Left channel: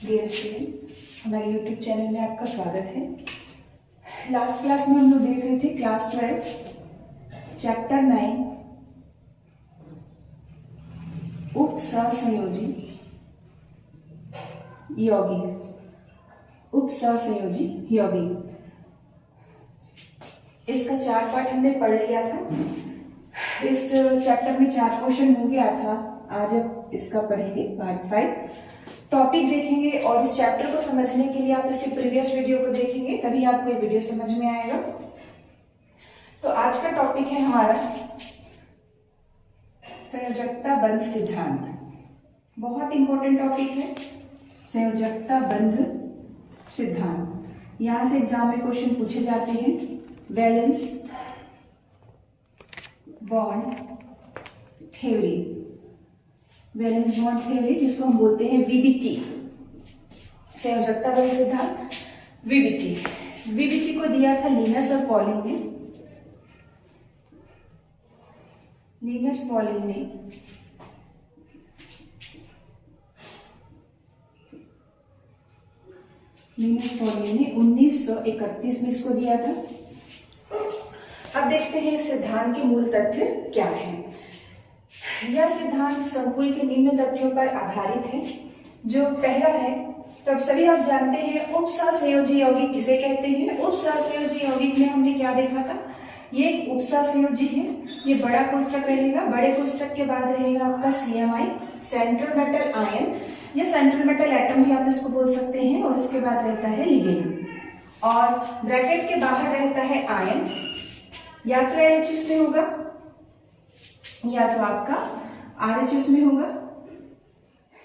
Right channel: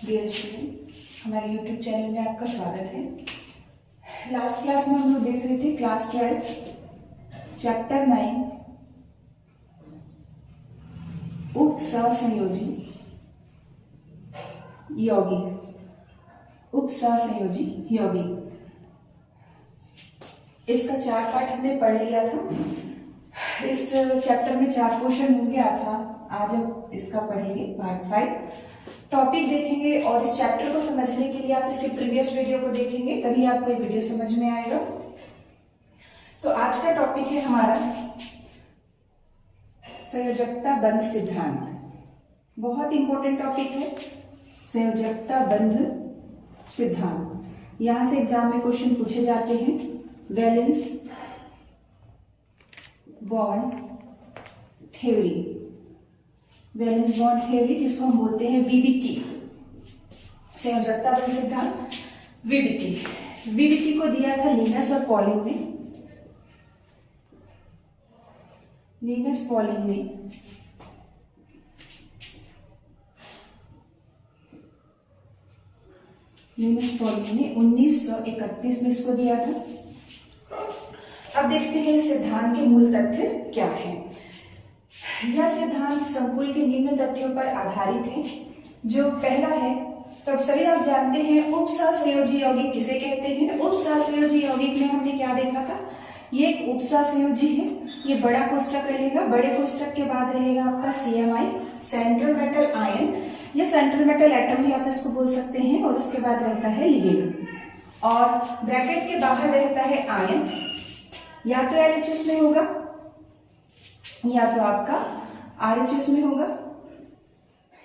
Dear student, हमारे YouTube channel में आपका स्वागत है। लास्ट क्लास में हम लोग देख रहे थे क्लास 12 चैप्टर 9 उपसंयोजी यौगिक। उपसंयोजी यौगिक, इसका 4 पार्ट हमने पढ़ लिया था। इस चैप्टर में 4 क्वेश्चन हो गया था। आज अब इसका पढ़ेंगे पार्ट 5। टॉपिक देखेंगे और इस चैप्टर को समझने के लिए आप इसके प्रीवियस वीडियो को देखेंगे, तभी आपको ये वीडियो समझ में आएगा। तो आज का टॉपिक है हमारा संयोजकता बंध सिद्धांत। बहुत इंपॉर्टेंट टॉपिक है संयोजकता बंध सिद्धांत। यहां से एग्जाम में क्वेश्चन पूछे जाते हैं। Valence bond theory, valence bond theory जिसको हम बोलते हैं वीबीटी, संयोजकता बंध सिद्धांत वीबीटी। वीबीटी को दिया था लिनस और पॉलिंग ने। लिनस पॉलिंग ने 1931 में इसको दिया था। अब देखते हैं इस सिद्धांत के मूल तथ्य क्या है। यह सिद्धांत संकुल के निम्न तथ्यों पर आधारित है। जो पहला है, तो अब सभी आप जानते हैं उपसंयोजी यौगिक किसे कहते हैं। उपसंयोजी यौगिक में हमने क्या देखा था, ये एक उपसंयोजी है। ये बड़ा कोष्ठक रहेगा, बड़े कोष्ठक के बाद रहेगा आपका CMI, सेंट्रल मेटल आयन या सेंट्रल मेटल एटम भी आप इसको बोल सकते हैं, और उसके बाद रहता है लिगेंड, और ब्रैकेट के बाहर रहता है आयन। या तो LHS में होगा या तो आपका RHS में होगा,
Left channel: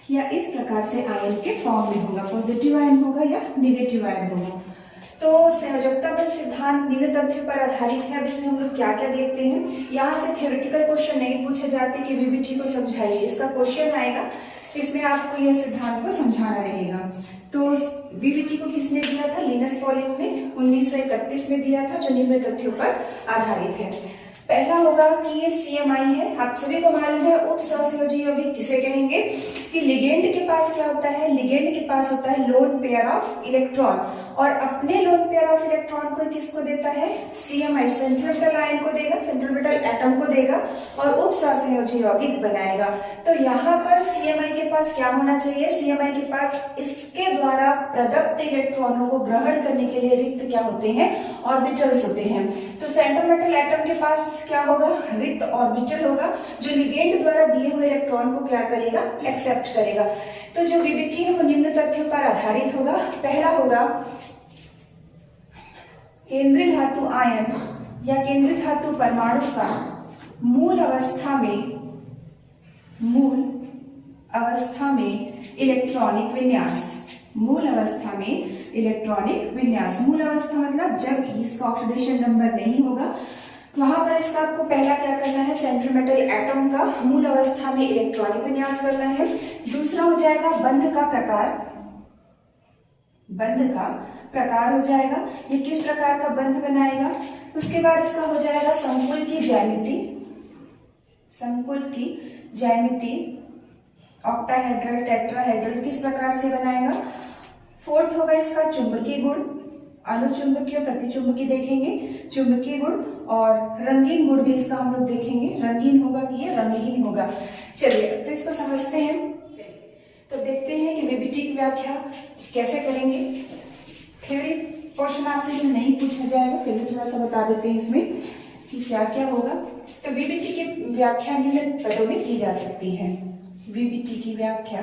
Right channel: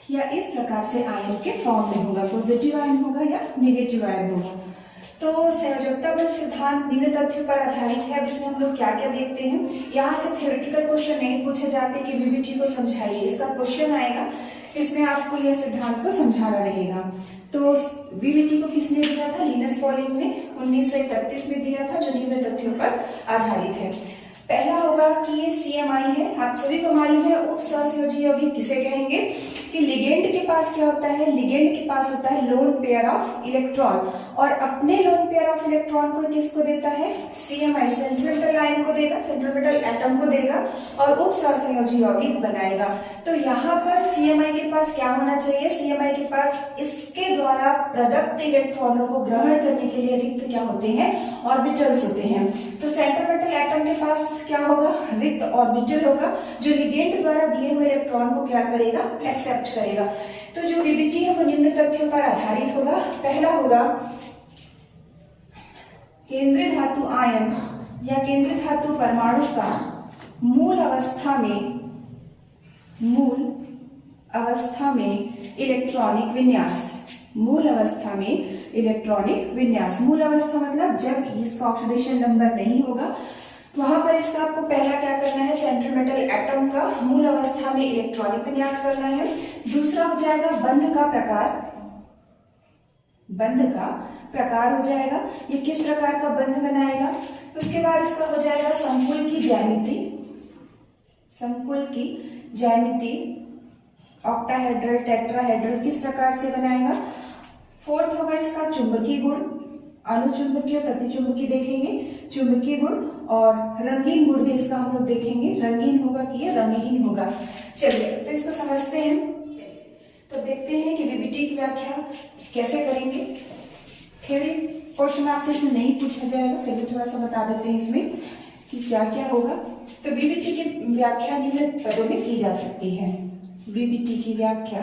या इस प्रकार से आयन के फॉर्म में होगा, पॉजिटिव आयन होगा या नेगेटिव आयन होगा। तो संयोजकता बंध सिद्धांत निम्न तथ्यों पर आधारित है। अब इसमें हम लोग क्या क्या देखते हैं। यहाँ से थ्योरेटिकल क्वेश्चन नहीं पूछे जाते कि वीबीटी को समझाइए। इसका क्वेश्चन आएगा, इसमें आपको यह सिद्धांत को समझाना रहेगा। तो वीबीटी को किसने दिया था, लिनस पॉलिंग ने 1931 में दिया था, जो निम्न तथ्यों पर आधारित है। पहला होगा कि ये CMI है। आप सभी को मालूम है उपसंयोजी यौगिक किसे कहेंगे, कि लिगेंड के पास क्या होता है, लिगेंड के पास होता है लोन पेयर ऑफ इलेक्ट्रॉन, और अपने लोन पेयर ऑफ इलेक्ट्रॉन को किसको देता है, CMI, सेंट्रल मेटल आयन को देगा, सेंट्रल मेटल एटम को देगा, और उपसंयोजी यौगिक बनाएगा। तो यहाँ पर CMI के पास क्या होना चाहिए, CMI के पास इसके द्वारा प्रदत्त इलेक्ट्रॉनों को ग्रहण करने के लिए रिक्त क्या होते हैं, ऑर्बिटल्स होते हैं। तो सेंट्रल मेटल एटम के पास क्या होगा, रिक्त ऑर्बिटल होगा, जो लिगेंड द्वारा दिए हुए इलेक्ट्रॉन को क्या करेगा, एक्सेप्ट करेगा। तो जो वीबीटी है वो निम्न तथ्यों पर आधारित होगा। पहला होगा केंद्रीय धातु आयन या केंद्रीय धातु परमाणु का मूल अवस्था में इलेक्ट्रॉनिक विन्यास। मूल अवस्था में इलेक्ट्रॉनिक विन्यास, मूल अवस्था मतलब जब इसका ऑक्सीडेशन नंबर नहीं होगा, वहां पर इसका आपको पहला क्या करना है, सेंट्रल मेटल एटम का मूल अवस्था में इलेक्ट्रॉनिक विन्यास करना है। दूसरा हो जाएगा बंध का प्रकार। बंध का प्रकार हो जाएगा, ये किस प्रकार का बंध बनाएगा। उसके बाद इसका हो जाएगा संकुल की ज्यामिति। संकुल की ज्यामिति ऑक्टाहेड्रल, टेट्राहेड्रल किस प्रकार से बनाएगा। फोर्थ होगा इसका चुंबकीय गुण, अनुचुंबकीय प्रतिचुंबकीय देखेंगे, चुंबकीय गुण, और रंगीन गुण भी इसका हम लोग देखेंगे, रंगीन होगा कि ये रंगहीन होगा। चलिए तो इसको समझते हैं। तो देखते हैं कि वीबीटी की व्याख्या कैसे करेंगे। थ्योरी क्वेश्चन आपसे इसमें नहीं पूछा जाएगा, फिर भी थोड़ा सा बता देते हैं इसमें कि क्या क्या होगा। तो वीबीटी की व्याख्या निम्न पदों में की जा सकती है। वीबीटी की व्याख्या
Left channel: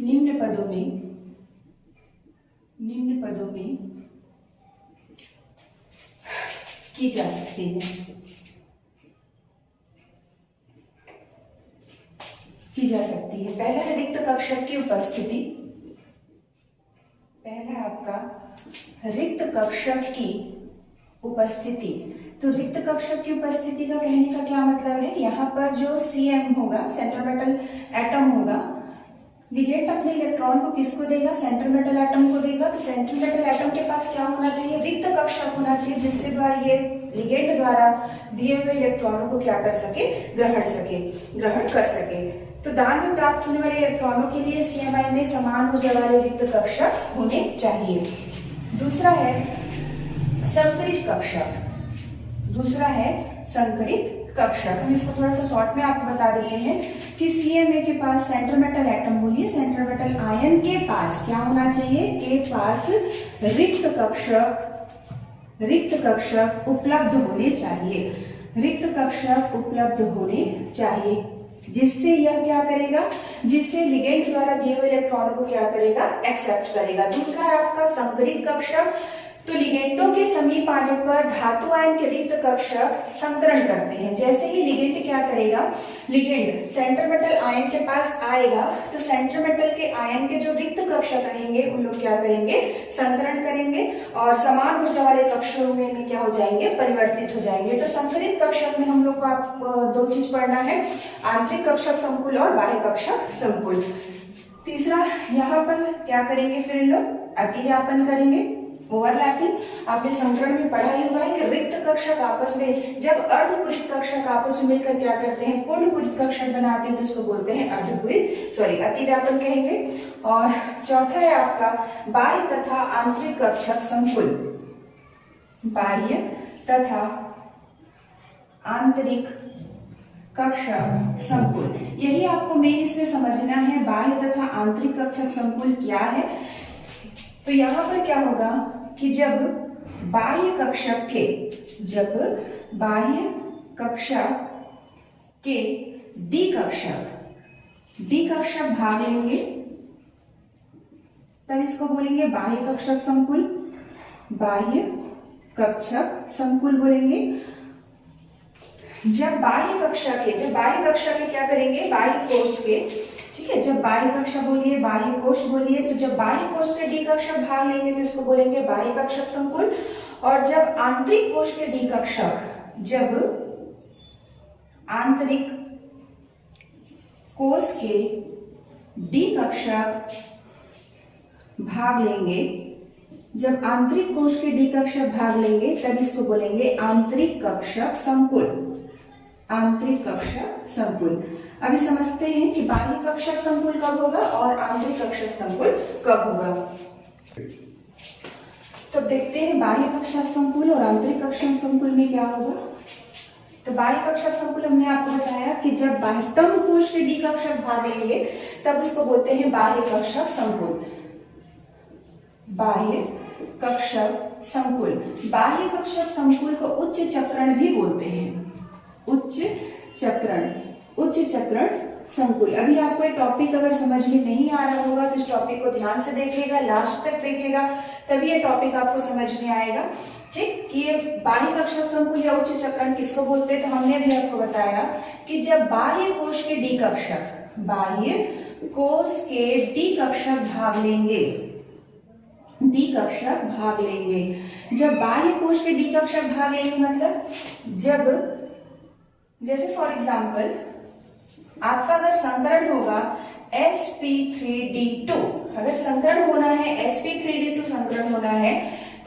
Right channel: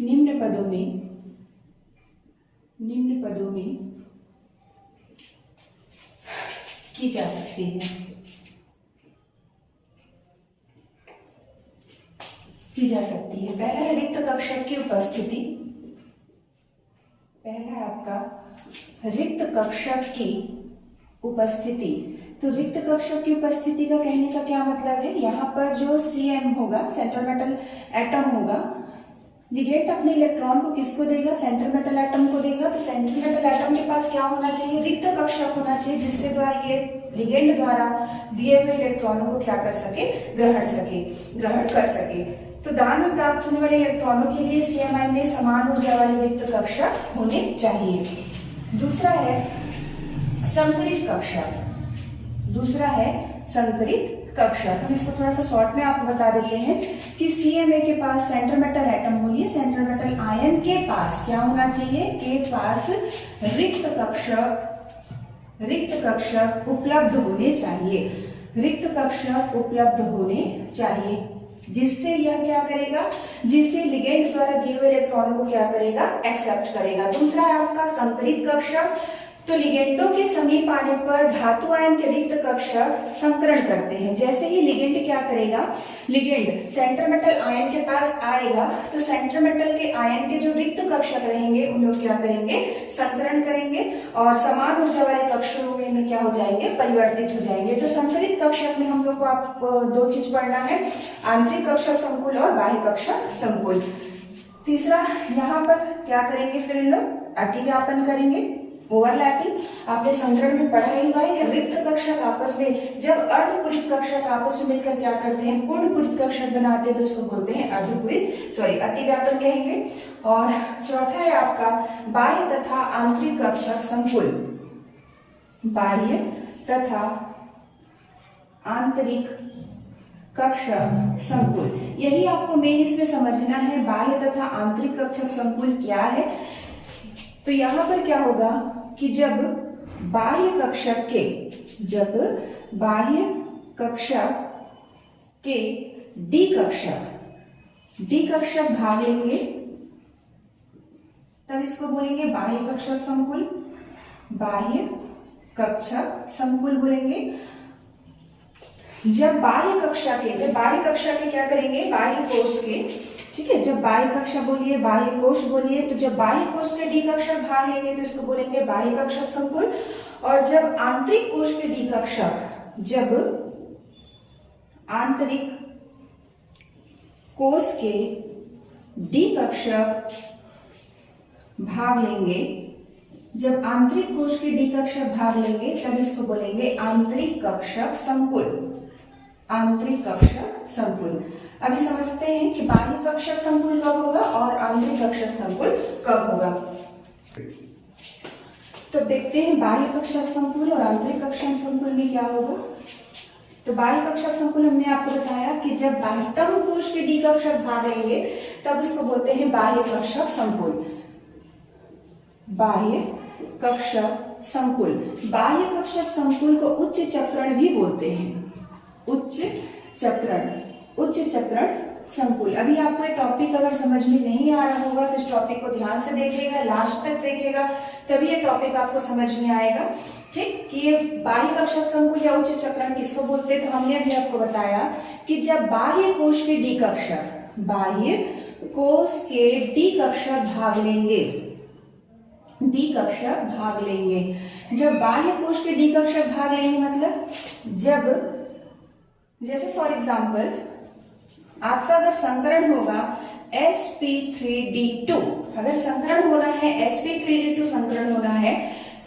निम्न पदों में की जा सकती है। पहला है रिक्त कक्षक की उपस्थिति। पहला आपका रिक्त कक्षक की उपस्थिति। तो रिक्त कक्षक की उपस्थिति का कहने का क्या मतलब है, यहाँ पर जो CM होगा, सेंट्रल मेटल एटम होगा, लिगेंड अपने इलेक्ट्रॉन को किसको देगा, सेंट्रल मेटल एटम को देगा। तो सेंट्रल मेटल एटम के पास क्या होना चाहिए, रिक्त कक्षक होना चाहिए, जिससे द्वारा ये लिगेंड द्वारा दिए हुए इलेक्ट्रॉनों को क्या कर सके, ग्रहण कर सके। तो दान में प्राप्त होने वाले इलेक्ट्रॉनों के लिए CMI में समान ऊर्जा वाले रिक्त कक्षक होने चाहिए। दूसरा है संकरित कक्षक। दूसरा है संकरित कक्षक। हम इसको थोड़ा सा शॉर्ट में आपको बता दिए हैं कि CMA के पास सेंट्रल मेटल एटम बोलिए सेंट्रल मेटल आयन के पास क्या होना चाहिए, के पास रिक्त कक्षक उपलब्ध होने चाहिए। रिक्त कक्षक उपलब्ध होने चाहिए, जिससे यह क्या करेगा, जिससे लिगेंड द्वारा दिए हुए इलेक्ट्रॉनों को क्या करेगा, एक्सेप्ट करेगा। दूसरा है आपका संकरित कक्षक। तो लिगेंडों के समीप आने पर धातु आयन के रिक्त कक्षक संकरण करते हैं। जैसे ही लिगेंड क्या करेगा, लिगेंड सेंट्रल मेटल आयन के पास आएगा तो सेंट्रल मेटल के आयन के जो रिक्त कक्षक रहेंगे उन लोग क्या करेंगे, संकरण करेंगे और समान ऊर्जा वाले कक्षकों में क्या हो जाएंगे, परिवर्तित हो जाएंगे। तो संकरित कक्षक में हम लोग को आप दो चीज पढ़ना है, आंतरिक कक्षक संकुल और बाह्य कक्षक संकुल। तीसरा यहाँ पर क्या करेंगे, फिर इन लोग अतिव्यापन करेंगे, ओवरलैपिंग। आपने संकरण में पढ़ा ही होगा कि रिक्त कक्षक आपस में, जब अर्धपूरित कक्षक आपस में मिलकर क्या करते हैं, पूर्ण पूरित कक्षक बनाते हैं, तो उसको बोलते हैं अतिव्यापन कहेंगे। और चौथा है आपका बाह्य तथा आंतरिक कक्षक संकुल। बाह्य तथा आंतरिक कक्षक संकुल, यही आपको मेन इसमें समझना है, बाह्य तथा आंतरिक कक्षक संकुल क्या है। तो यहाँ पर क्या होगा कि जब बाह्य कक्षक के डी कक्षक भाग लेंगे तब इसको बोलेंगे बाह्य कक्षक संकुल। बाह्य कक्षक संकुल बोलेंगे। जब बाह्य कक्षा के क्या करेंगे, बाह्य कोश के, ठीक है, जब बाह्य कक्षा बोलिए, बाह्य कोश बोलिए, तो जब बाह्य कोश के डी कक्षक भाग लेंगे तो इसको बोलेंगे बाह्य कक्षक संकुल। और जब आंतरिक कोश के डी कक्षक, जब आंतरिक कोश के डी कक्षक भाग लेंगे, जब आंतरिक कोश के डी कक्षक भाग लेंगे तब इसको बोलेंगे आंतरिक कक्षक संकुल। आंतरिक कक्षक संकुल। अभी समझते हैं कि बाह्य कक्षक संकुल कब होगा और आंतरिक कक्षक संकुल कब होगा। तो देखते हैं बाह्य कक्षक संकुल और आंतरिक कक्षक संकुल में क्या होगा। तो बाह्य कक्षक संकुल हमने आपको बताया कि जब बाह्यतम कोश के डी कक्षक भाग लेंगे तब उसको बोलते हैं बाह्य कक्षक संकुल। बाह्य कक्षक संकुल। बाह्य कक्षक संकुल को उच्च चक्रण भी बोलते हैं। उच्च चक्रण संकुल। अभी आपको ये टॉपिक अगर समझ में नहीं आ रहा होगा तो इस टॉपिक को ध्यान से देखिएगा, लास्ट तक देखिएगा, तभी ये टॉपिक आपको समझ में आएगा। ठीक, कि ये बाह्य कक्षक संकुल या उच्च चक्रण किसको बोलते हैं। तो हमने अभी आपको बताया कि जब बाह्य कोश के डी कक्षक भाग लेंगे, जब बाह्य कोश के डी कक्षक भाग लेंगे मतलब जब, जैसे फॉर एग्जाम्पल आपका अगर संकरण होगा sp3d2, अगर संकरण होना है sp3d2 संकरण होना है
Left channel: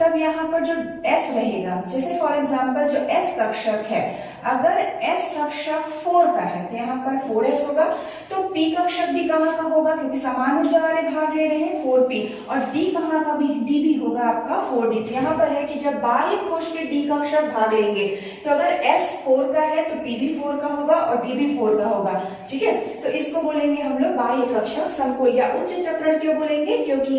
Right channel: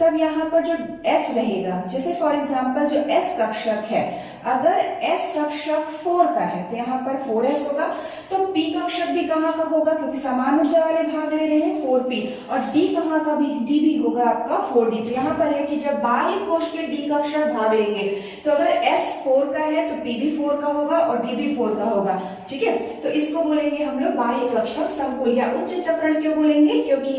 तब यहाँ पर जो s रहेगा, जैसे फॉर एग्जाम्पल जो s कक्षक है, अगर s कक्षक 4 का है तो यहाँ पर 4s होगा। तो p कक्षक भी कहाँ का होगा, क्योंकि समान ऊर्जा वाले भाग ले रहे हैं 4p, और d कहाँ का भी, d भी होगा आपका 4d। तो यहाँ पर है कि जब बाह्य कोश के d कक्षक भाग लेंगे तो अगर s 4 का है तो p भी 4 का होगा और d भी 4 का होगा। ठीक है, तो इसको बोलेंगे हम लोग बाह्य कक्षक संकुल या उच्च चक्रण। क्यों बोलेंगे, क्योंकि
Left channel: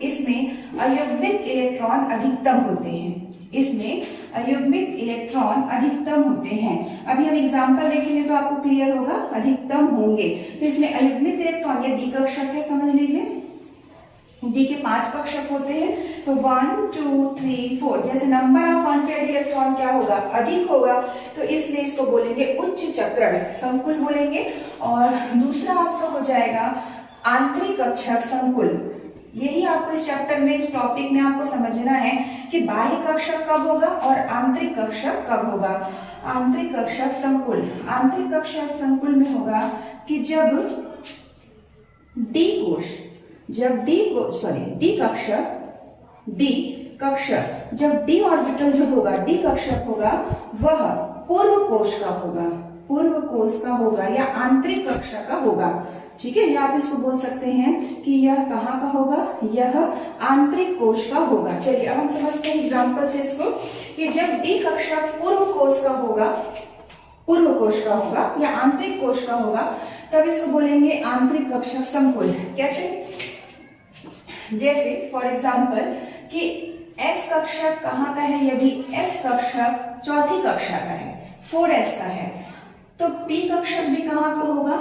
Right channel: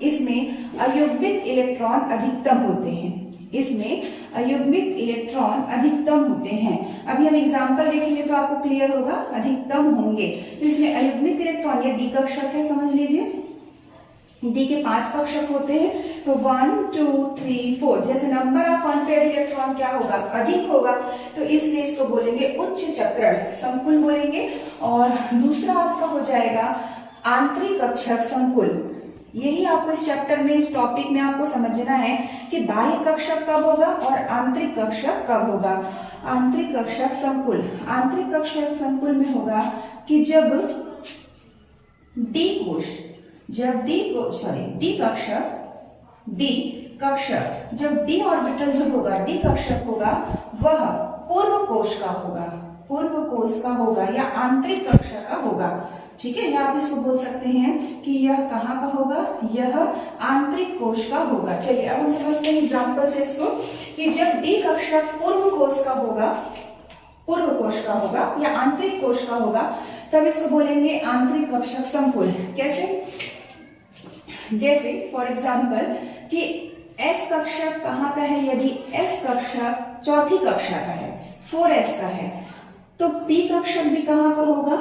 इसमें अयुग्मित इलेक्ट्रॉन अधिकतम होते हैं। इसमें अयुग्मित इलेक्ट्रॉन अधिकतम होते हैं। अभी हम एग्जांपल देखेंगे तो आपको क्लियर होगा, अधिकतम होंगे। तो इसमें अयुग्मित इलेक्ट्रॉन, ये डी कक्षक है, समझ लीजिए। डी के 5 कक्षक होते हैं, तो 1 2 3 4, जैसे नंबर ऑफ अनपेयर्ड इलेक्ट्रॉन क्या होगा, अधिक होगा, तो इसलिए इसको बोलेंगे उच्च चक्रण संकुल बोलेंगे। और दूसरा आपका हो जाएगा आंतरिक कक्षक संकुल। यही आपको इस चैप्टर में, इस टॉपिक में आपको समझना है कि बाह्य कक्षक कब होगा और आंतरिक कक्षक कब होगा। आंतरिक कक्षक संकुल, आंतरिक कक्षक संकुल में होगा कि जब डी कक्षक, जब डी ऑर्बिटल जो होगा, डी कक्षक होगा, वह पूर्व कोश का होगा। पूर्व कोश का होगा या आंतरिक कक्षा का होगा। ठीक है, या आप इसको बोल सकते हैं कि यह कहाँ का होगा, यह आंतरिक कोश का होगा। चलिए अब हम समझते हैं एग्जाम्पल से इसको कि जब डी कक्षा पूर्व कोश का होगा, पूर्व कोश का होगा या आंतरिक कोश का होगा, तब इसको बोलेंगे आंतरिक कक्षक संकुल। कैसे? जैसे फॉर एग्जाम्पल कि एस कक्षक कहाँ का है, यदि एस कक्षक चौथी कक्षा का है, 4s का है, तो पी कक्षक भी कहाँ का होगा,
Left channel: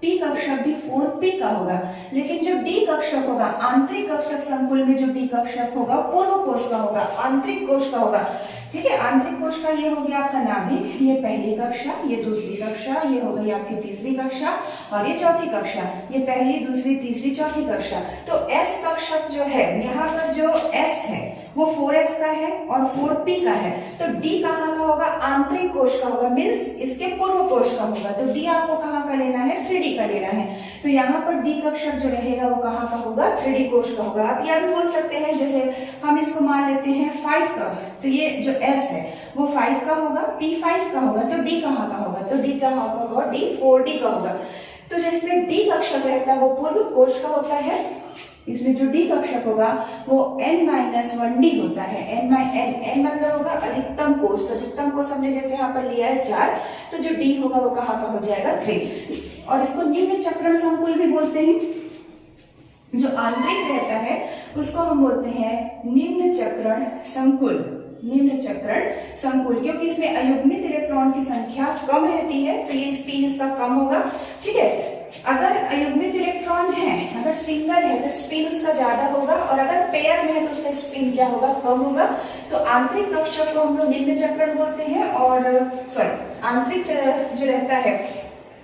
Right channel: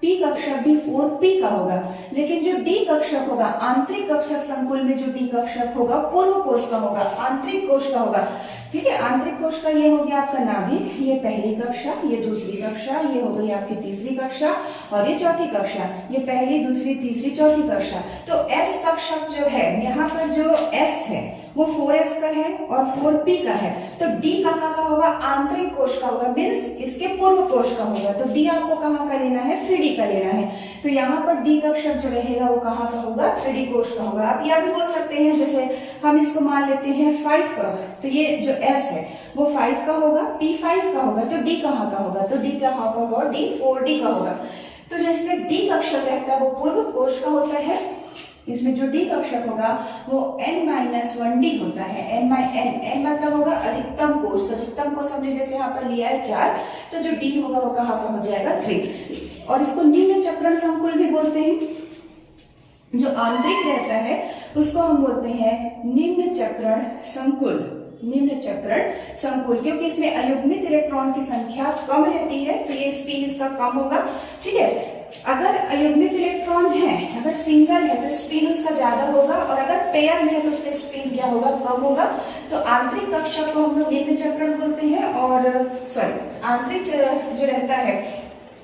पी कक्षक भी 4p का होगा। लेकिन जो डी कक्षक होगा आंतरिक कक्षक संकुल में, जो डी कक्षक होगा पूर्व कोश का होगा, आंतरिक कोश का होगा। ठीक है, आंतरिक कोश का ये हो गया आपका नाभिक, ये पहली कक्षा, ये दूसरी कक्षा, ये हो गई आपकी तीसरी कक्षा और ये चौथी कक्षा, ये पहली दूसरी तीसरी चौथी कक्षा। तो एस कक्षक जो है, यहाँ पर जो एस है वो 4s का है और 4p का है, तो डी कहाँ का होगा, आंतरिक कोश का होगा, मीन्स इसके पूर्व कोश का होगा। तो डी आपको कहाँ का लेना है, 3D का लेना है। तो यहाँ पर डी कक्षक जो रहेगा वो कहाँ का होगा, 3D कोश का होगा। आप यह भी बोल सकते हैं, जैसे हम इसको मान लेते हैं 5 का, तो ये जो s है वो 5 का होगा, p 5 का होगा, तो d कहाँ का होगा, तो d कहाँ का होगा, d 4d का होगा। तो जैसे डी कक्षक रहता है वो पूर्व कोश का होता है, इसमें जो डी कक्षक होगा वो n-1d होता है। n मतलब होगा अधिकतम कोश, तो अधिकतम कोश हमने जैसे यहाँ पर लिया है 4, तो जो डी होगा वो कहाँ का हो जाएगा, 3। और इसको निम्न चक्रण संकुल भी बोलते हैं। जो आंतरिक रहता है उसको हम बोलते हैं निम्न चक्रण संकुल, निम्न चक्रण संकुल, क्योंकि इसमें अयुग्मित इलेक्ट्रॉन की संख्या कम रहती है, तो ये स्पिन इसका कम होगा। ठीक है, अगर अयुग्मित इलेक्ट्रॉन है, अगर सिंगल है तो स्पिन उसका ज्यादा होगा, और अगर पेयर में है तो उसका स्पिन क्या होगा, कम होगा। तो आंतरिक कक्षक को हम लोग निम्न चक्रण बोलते हैं, और सॉरी आंतरिक जो रहता है,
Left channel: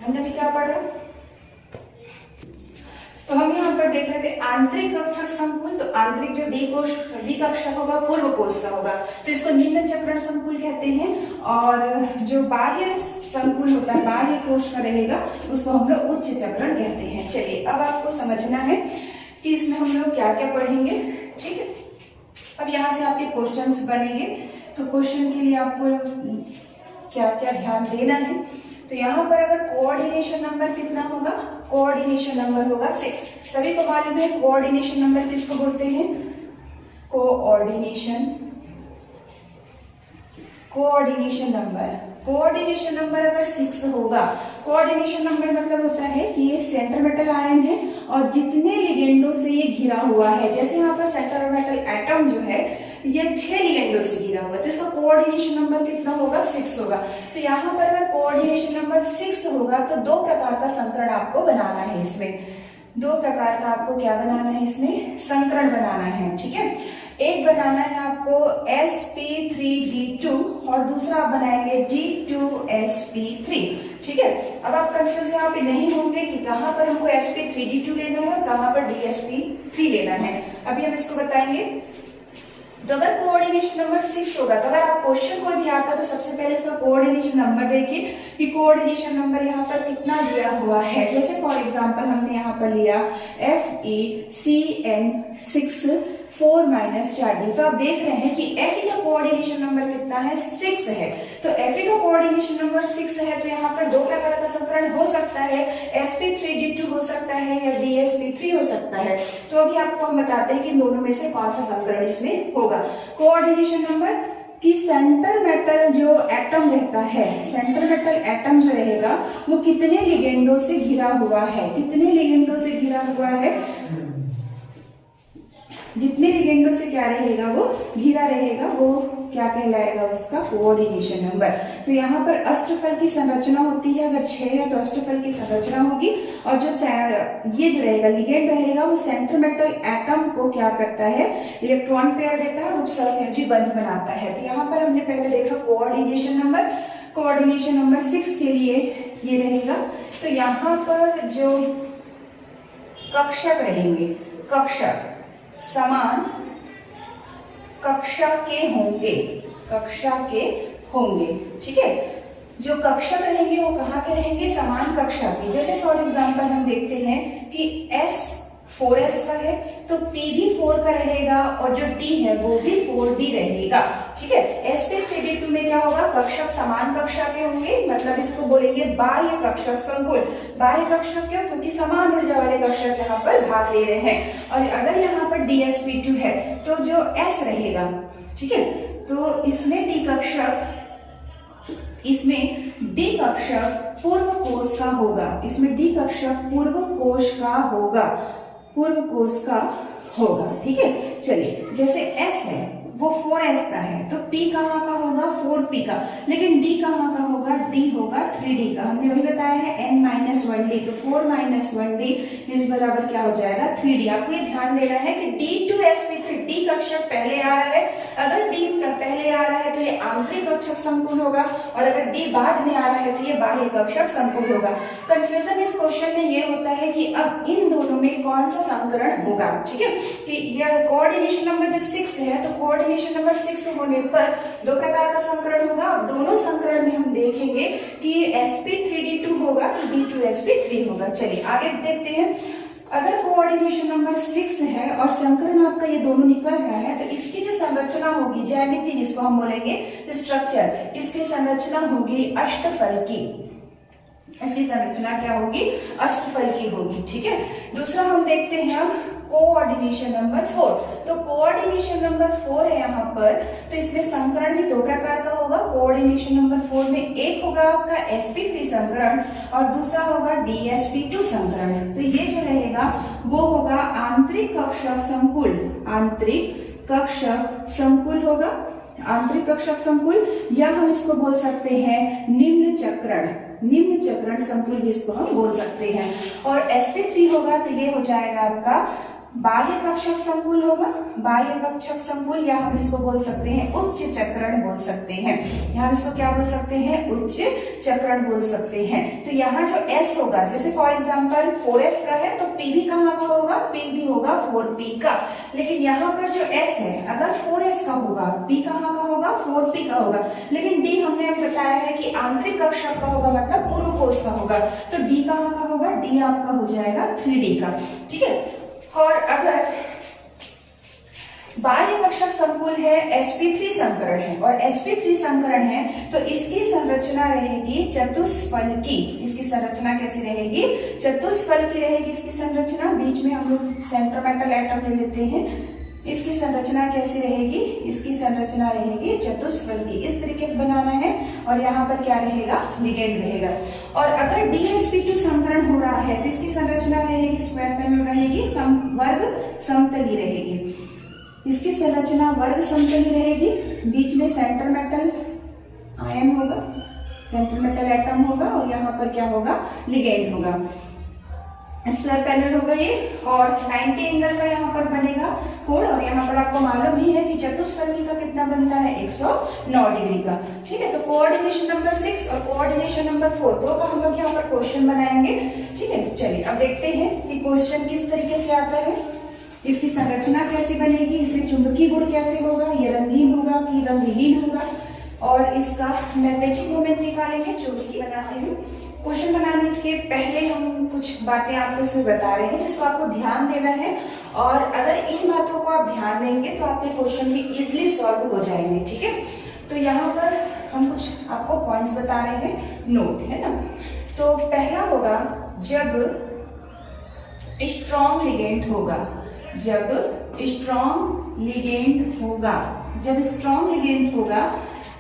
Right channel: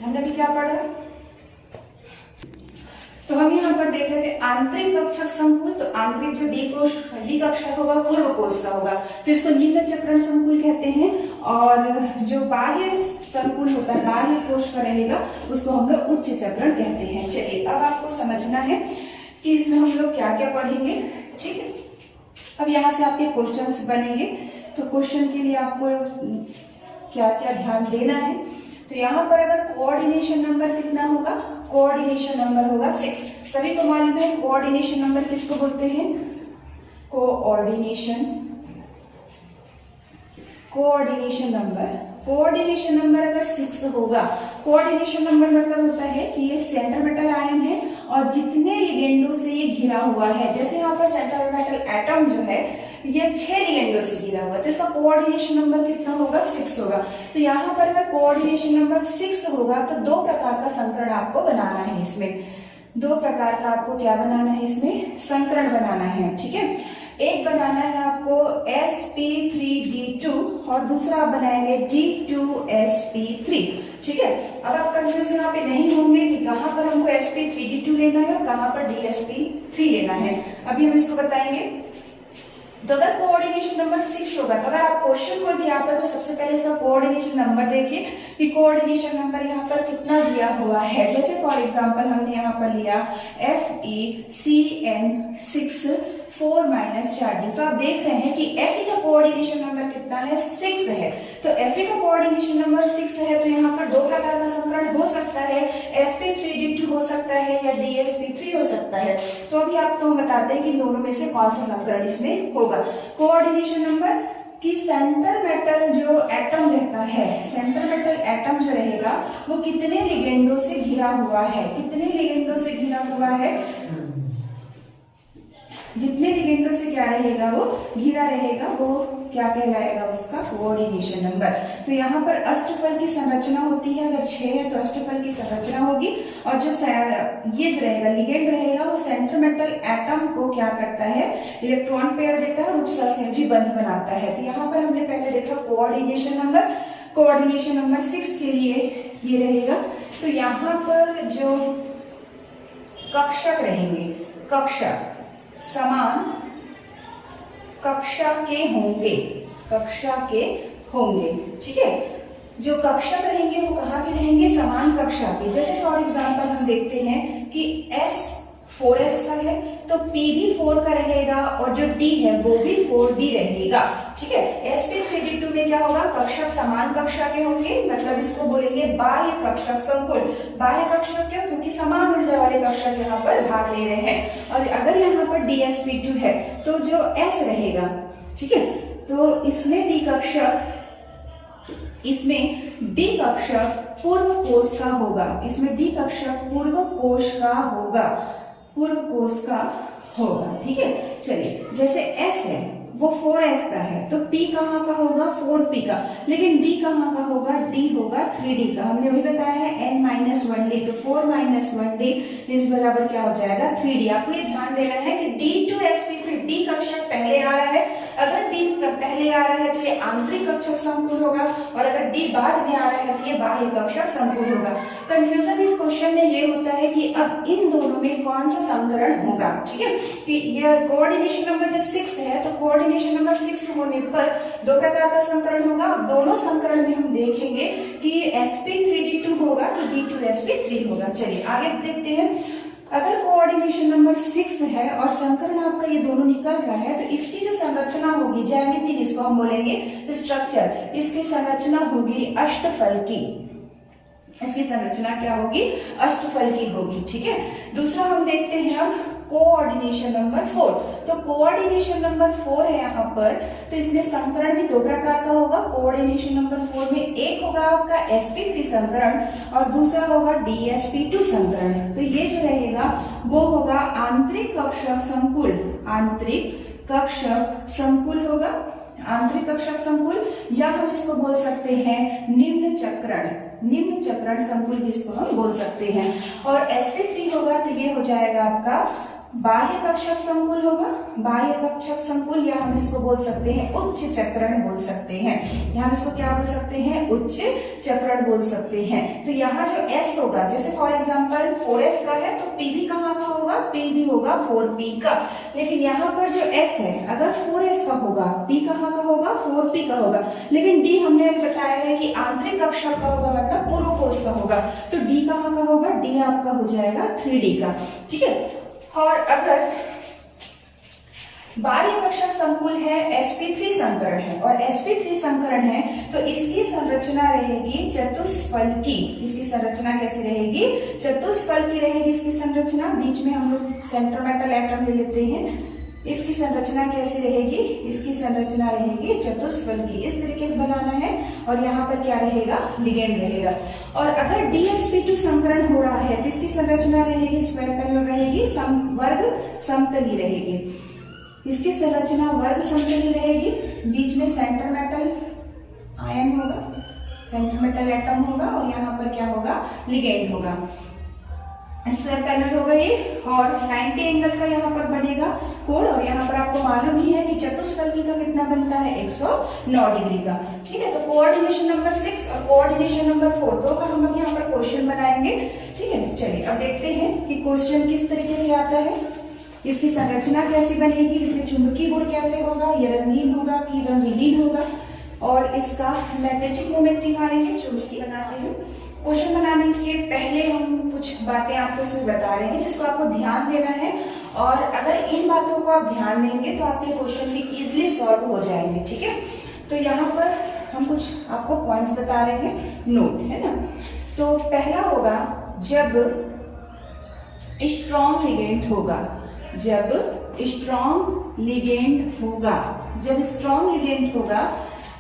हमने भी क्या पढ़ा, तो हम यहाँ पर देख रहे थे आंतरिक कक्षक संकुल। तो आंतरिक जो डी कक्षक होगा पूर्व कोश का होगा, तो इसको निम्न चक्रण संकुल कहते हैं। और जो बाह्य संकुल होता है, बाह्य कोश का रहेगा, उसको हम लोग उच्च चक्रण कहते हैं। चलिए अब आपको समझना है कि इसमें हम लोग क्या क्या पढ़ेंगे। ठीक है, अब यहाँ से आपके क्वेश्चंस बनेंगे, तो क्वेश्चन के लिए आपको क्या क्या ध्यान देना है। तो यहाँ पर अगर कोऑर्डिनेशन नंबर कितना होगा, कोऑर्डिनेशन नंबर होगा 6। सभी को मालूम है कोऑर्डिनेशन नंबर किसको बोलते हैं, कोऑर्डिनेशन नंबर। कोऑर्डिनेशन नंबर अगर 6 होगा, कोऑर्डिनेशन नंबर मतलब होता है कि ये सेंटर मेटल आयन है और जितने लिगेंडों से ये घिरा हुआ है, जैसे यहाँ पर सेंटर मेटल एटम जो है ये 6 लिगेंडों से घिरा हुआ है, तो इसका कोऑर्डिनेशन नंबर कितना होगा, 6 होगा। तो यहाँ पर अगर कोऑर्डिनेशन नंबर 6 होगा तो 2 प्रकार का संकरण आपको बनाना है। इसमें 2 प्रकार का आपको क्या बनाना है, इसमें संकरण बनाना है। ठीक है, एक बनाना है आपको sp3d2 और दूसरा आप बनाएंगे d2sp3। ठीक है, अब आप कंफ्यूज यहाँ पे नहीं होंगे कि कहाँ पर हमको sp3d2 लेना है और कहाँ पर dsp3 लेना है, अभी हम इसको बताएंगे। तो अगर कोऑर्डिनेशन नंबर 6 होगा, तो अगर आप क्वेश्चन कोई भी आता है तो सबसे पहले इसका कोऑर्डिनेशन नंबर देखिए कि कोऑर्डिनेशन नंबर यहाँ पर कितना दिया हुआ है। जैसे फॉर एग्जांपल हमने यहाँ पर लिया FeCN6 4 - 4d, तो आप देख रहे हैं कि Fe का कोऑर्डिनेशन नंबर कितना है, 6 है। तो Fe का कोऑर्डिनेशन नंबर 6 है, तो यहाँ पर 2 प्रकार का संकरण हो सकता है, sp3d2 हो सकता है या dsp3 हो सकता है। तो अभी आपको हम बताते हैं कि दोनों में से कौन सा संकरण इसमें होगा। कोऑर्डिनेशन नंबर कि सेंटर मेटल जो एटम रहता है, सेंटर मेटल एटम जो रहेगा वो कितने लिगेंडों से घिरा हुआ है, कितने लिगेंडों से घिरा हुआ है, जितने लिगेंडों से क्या रहेगा वो घिरा रहेगा, वो क्या कहलाएगा, उसका कोऑर्डिनेशन नंबर। तो यहाँ पर अष्टफल की संरचना होती है, अगर 6 है तो अष्टफल की संरचना होगी, और जो ये जो रहेगा लिगेंड रहेगा वो सेंटर मेटल एटम को क्या करता है, इलेक्ट्रॉन पेयर देता है और उपसहसंयोजी बंध बनाता है। तो यहाँ पर हमने पहले देखा कोऑर्डिनेशन नंबर, कोऑर्डिनेशन नंबर 6 के लिए ये रहेगा। तो यहाँ पर जो कक्षक रहेंगे, कक्षक समान कक्षा के होंगे, कक्षा के होंगे। ठीक है, जो कक्षक रहेंगे वो कहाँ के रहेंगे, समान कक्षा के। जैसे फॉर एग्जांपल हम देखते हैं कि 4s का है तो p भी 4 का रहेगा और जो d है वो भी 4d रहेगा। ठीक है, sp3d2 में क्या होगा, कक्षक समान कक्षा के होंगे, मतलब इसको बोलेंगे बाह्य कक्षक संकुल। बाह्य कक्षक क्यों, क्योंकि समान ऊर्जा वाले कक्षक यहाँ पर भाग ले रहे हैं। और अगर यहाँ पर dsp2 है तो जो s रहेगा, ठीक है, तो इसमें d कक्षक पूर्व कोश का होगा, इसमें d कक्षक पूर्व कोश का होगा। ठीक है, चलिए जैसे s है वो 4s का है तो p कहाँ का होगा, 4p का, लेकिन d कहाँ का होगा, d होगा 3d का। हमने अभी बताया है n-1d, तो 4 - 1d इस बराबर क्या हो जाएगा, 3d। आपको ये ध्यान देना है कि d2sp3 d कक्षक पहले आ रहा है, अगर d पहले आ रहा है तो ये आंतरिक कक्षक संकुल होगा, और अगर d बाद में आ रहा है तो ये बाह्य कक्षक संकुल होगा। कंफ्यूजन इस क्वेश्चन में ये होता है कि अब इन दोनों में कौन सा संकरण होगा। ठीक है, कि यह कोऑर्डिनेशन नंबर जब 6 है तो कोऑर्डिनेशन नंबर 6 होने पर दो प्रकार का संकरण होगा। दोनों संकरण में हम देखेंगे कि sp3d2 होगा तो d2sp3 होगा। चलिए आगे देखते हैं। अगर कोऑर्डिनेशन नंबर 6 है और संकरण आपका ये दोनों निकल रहा है तो इसकी जो संरचना होगी, ज्यामिति जिसको हम बोलेंगे स्ट्रक्चर, इसकी संरचना होगी अष्टफल की। इसकी संरचना क्या होगी, अष्टफल की होगी। ठीक है, दूसरा हम देखते हैं अब कोऑर्डिनेशन नंबर 4। तो कोऑर्डिनेशन नंबर 4 है यहाँ पर, तो इसमें संकरण भी दो प्रकार का होगा। कोऑर्डिनेशन नंबर 4 में एक होगा आपका sp3 संकरण और दूसरा होगा dsp2 संकरण। तो ये जो रहेगा वो होगा आंतरिक कक्षक संकुल, आंतरिक कक्षक संकुल होगा, आंतरिक कक्षक संकुल, या हम इसको बोल सकते हैं निम्न चक्रण संकुल भी इसको हम बोल सकते हैं। और sp3 होगा तो ये हो जाएगा आपका बाह्य कक्षक संकुल होगा, बाह्य कक्षक संकुल, या हम इसको बोल सकते हैं उच्च चक्रण बोल सकते हैं, या हम इसको क्या बोल सकते हैं, उच्च चक्रण बोल सकते हैं। तो यहाँ जो s होगा, जैसे फॉर एग्जांपल 4s का है तो p भी कहाँ का होगा, p भी होगा 4p का। लेकिन यहाँ पर जो s है अगर 4s का होगा, p कहाँ का होगा, 4p का होगा, लेकिन d हमने अभी बताया है कि आंतरिक कक्षक का होगा, मतलब पूर्व कोश का होगा, तो d कहाँ का होगा, d आपका हो जाएगा 3d का। ठीक है, और अगर बाह्य कक्षक संकुल है, sp3 संकरण है, और sp3 संकरण है तो इसकी संरचना रहेगी चतुष्फल की। इसकी संरचना कैसी रहेगी, चतुष्फल की रहेगी इसकी संरचना। बीच में हम लोग सेंटर मेटल एटम ले लेते हैं। इसकी संरचना कैसी रहेगी, इसकी संरचना रहेगी चतुष्फल की। इस तरीके से बनाना है, और यहाँ पर क्या रहेगा, लिगेंड रहेगा। और अगर dsp2 संकरण हो रहा है तो इसकी संरचना रहेगी स्क्वायर पैनल रहेगी, वर्ग समतली रहेगी। इसकी संरचना वर्ग समतली रहेगी, बीच में सेंटर मेटल आयन होगा, सेंटर मेटल एटम होगा, और यहाँ पर क्या होगा, लिगेंड होगा। स्क्वायर पैनल हो गई, और 90 एंगल का यहाँ पर बनेगा कोण, और यहाँ पर आपको मालूम ही है कि चतुष्फलकी का कितना बनता है, 109 डिग्री का। ठीक है, तो कोऑर्डिनेशन नंबर 6 और कोऑर्डिनेशन नंबर 4 दो का हम लोग यहाँ पर क्वेश्चन बनाएंगे। ठीक है, चलिए अब देखते हैं कि क्वेश्चन किस तरीके से आता है, इसकी संरचना कैसी बनेगी, इसमें चुंबकीय गुण कैसे होगा, ये रंगीन होगा कि रंगहीन होगा, और इसका मैग्नेटिक मोमेंट निकालेंगे। चुंबकीय बनाते हैं। क्वेश्चन बनाने के पहले हम कुछ बातें आपको इसमें बता रहे हैं जिसको आपको ध्यान देना है, और अगर इन बातों को आप ध्यान देंगे तो आपके क्वेश्चन भी इजीली सॉल्व हो जाएंगे। ठीक है, तो यहाँ पर हम कुछ आपको पॉइंट्स बता रहे हैं, नोट है ना। तो पहला होगा जब स्ट्रॉन्ग लिगेंड होगा, जब स्ट्रॉन्ग लिगेंड होगा, जब स्ट्रॉन्ग लिगेंड होगा।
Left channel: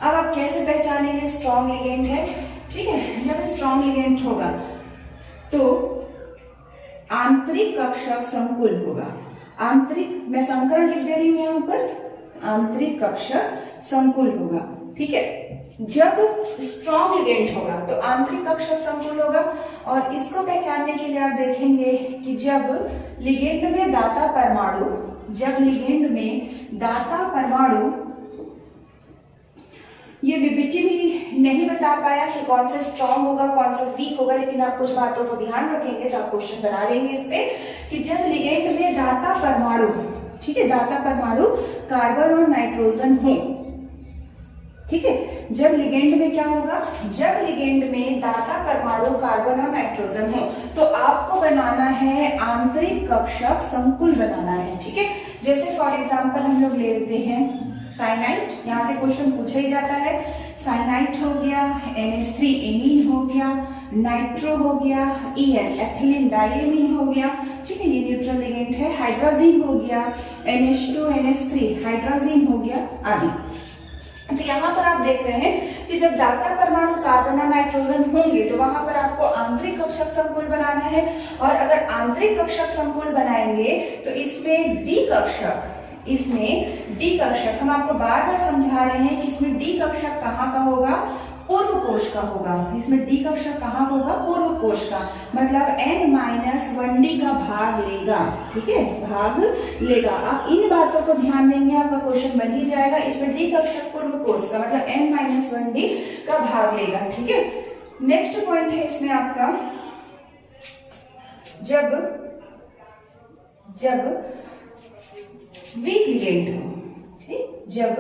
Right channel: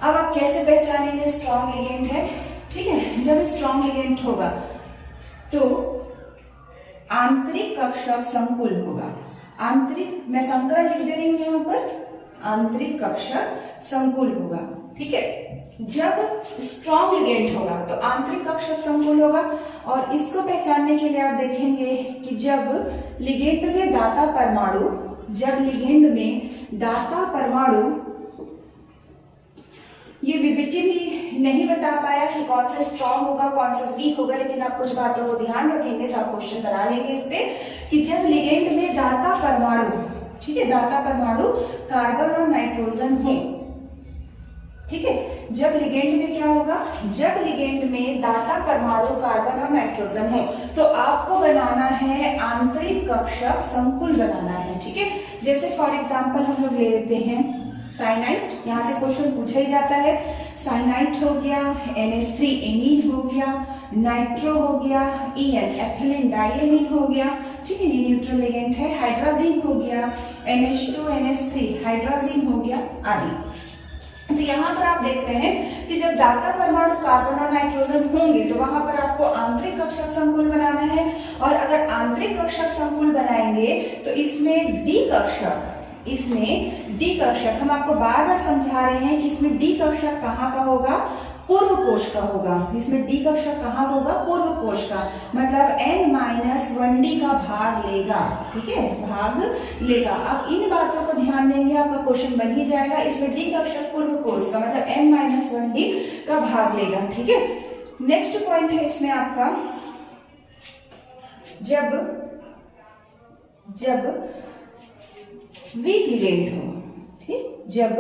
अब आप कैसे पहचानेंगे स्ट्रॉन्ग लिगेंड है, ठीक है, जब स्ट्रॉन्ग लिगेंड होगा तो आंतरिक कक्षक संकुल होगा। आंतरिक, मैं संकरण लिख दे रही हूं यहाँ पर, आंतरिक कक्षक संकुल होगा। ठीक है, जब स्ट्रॉन्ग लिगेंड होगा तो आंतरिक कक्षक संकुल होगा। और इसको पहचानने के लिए आप देखेंगे कि जब लिगेंड में दाता परमाणु, जब लिगेंड में दाता परमाणु, ये बीबीटी भी नहीं बता पाया कि कौन सा स्ट्रॉन्ग होगा कौन सा वीक होगा, लेकिन आप कुछ बातों को ध्यान रखेंगे तो आप क्वेश्चन बना लेंगे इस पे, कि जब लिगेंड में दाता परमाणु, ठीक है, दाता परमाणु कार्बन और नाइट्रोजन हो, ठीक है। जब लिगेंड में क्या होगा, जब लिगेंड में दाता परमाणु कार्बन और नाइट्रोजन हो तो आपको बनाना है आंतरिक कक्षक संकुल बनाना है। ठीक है, जैसे फॉर एग्जांपल हम लोग ले लेते हैं साइनाइड, यहाँ से क्वेश्चन पूछा ही जाता है। साइनाइड हो गया, NH3 एमीन हो गया, नाइट्रो हो गया, EN एथिलीन डाइएमीन हो गया। ठीक है, ये न्यूट्रल लिगेंड है। हाइड्रोजीन हो गया, NH2 NH3 हाइड्रोजीन हो गया आदि। तो यहाँ पर आप देख रहे हैं कि जब दाता परमाणु कार्बन और नाइट्रोजन होंगे तो वहां पर आपको आंतरिक कक्षक संकुल बनाना है। और अगर आंतरिक कक्षक संकुल बनाएंगे तो इसमें डी कक्षक हम आपको बार बार समझा रहे हैं कि इसमें डी कक्षक कहाँ का होगा, पूर्व कोश का होगा। इसमें डी कक्षक कहाँ होगा, पूर्व कोश का, मतलब N-1D का भाग लेगा। ठीक है, भाग लेगा। आप इन बातों को ध्यान देंगे, आपका क्वेश्चन बन ही जाएगा। इसमें डी कक्षक पूर्व कोश का मतलब N-1D का भाग लेगा। ठीक है, नेक्स्ट पॉइंट है इसमें आपका, जब वीक लिगेंड हो। ठीक, जब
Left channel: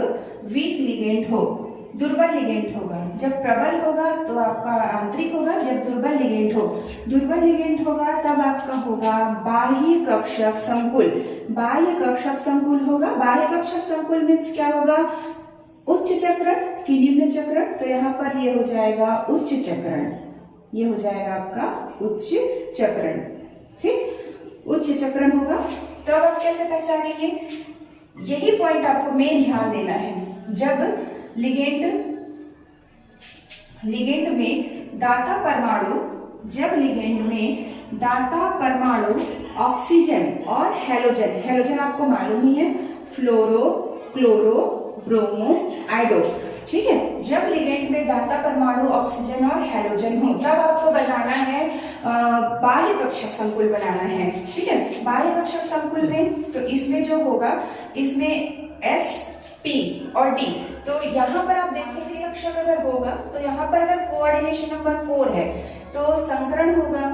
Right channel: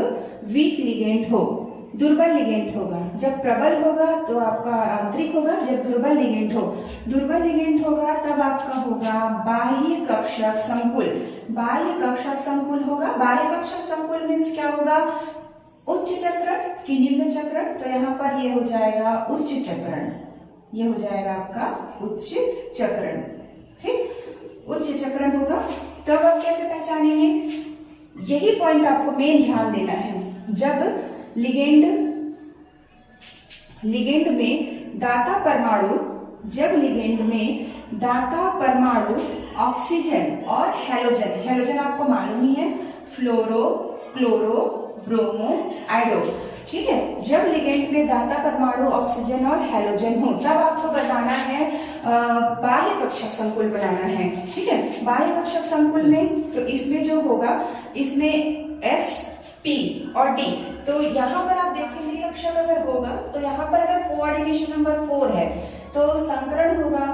वीक लिगेंड हो, दुर्बल लिगेंड होगा। जब प्रबल होगा तो आपका आंतरिक होगा, जब दुर्बल लिगेंड होगा तब आपका होगा बाह्य कक्षक संकुल। बाह्य कक्षक संकुल होगा। बाह्य कक्षक संकुल मीन्स क्या होगा, उच्च चक्रण की निम्न चक्रण। तो यहाँ पर ये हो जाएगा उच्च चक्रण, ये हो जाएगा आपका उच्च चक्रण। ठीक, उच्च चक्रण होगा। तब आप कैसे पहचानेंगे, यही पॉइंट आपको मेन ध्यान देना है। जब लिगेंड में दाता परमाणु ऑक्सीजन और हेलोजन आपको मालूम ही है, फ्लोरो, क्लोरो, ब्रोमो, आइडो। ठीक है, जब लिगेंड में दाता परमाणु ऑक्सीजन और हेलोजन हो तब आपको बनाना है बाह्य कक्षक संकुल बनाना है। ठीक है, बाह्य कक्षक संकुल में तो इसमें जो होगा, इसमें S P और D। तो यहाँ पर आप देखेंगे कक्षक अगर होगा तो यहाँ पर अगर कोऑर्डिनेशन नंबर 4 है तो संकरण होगा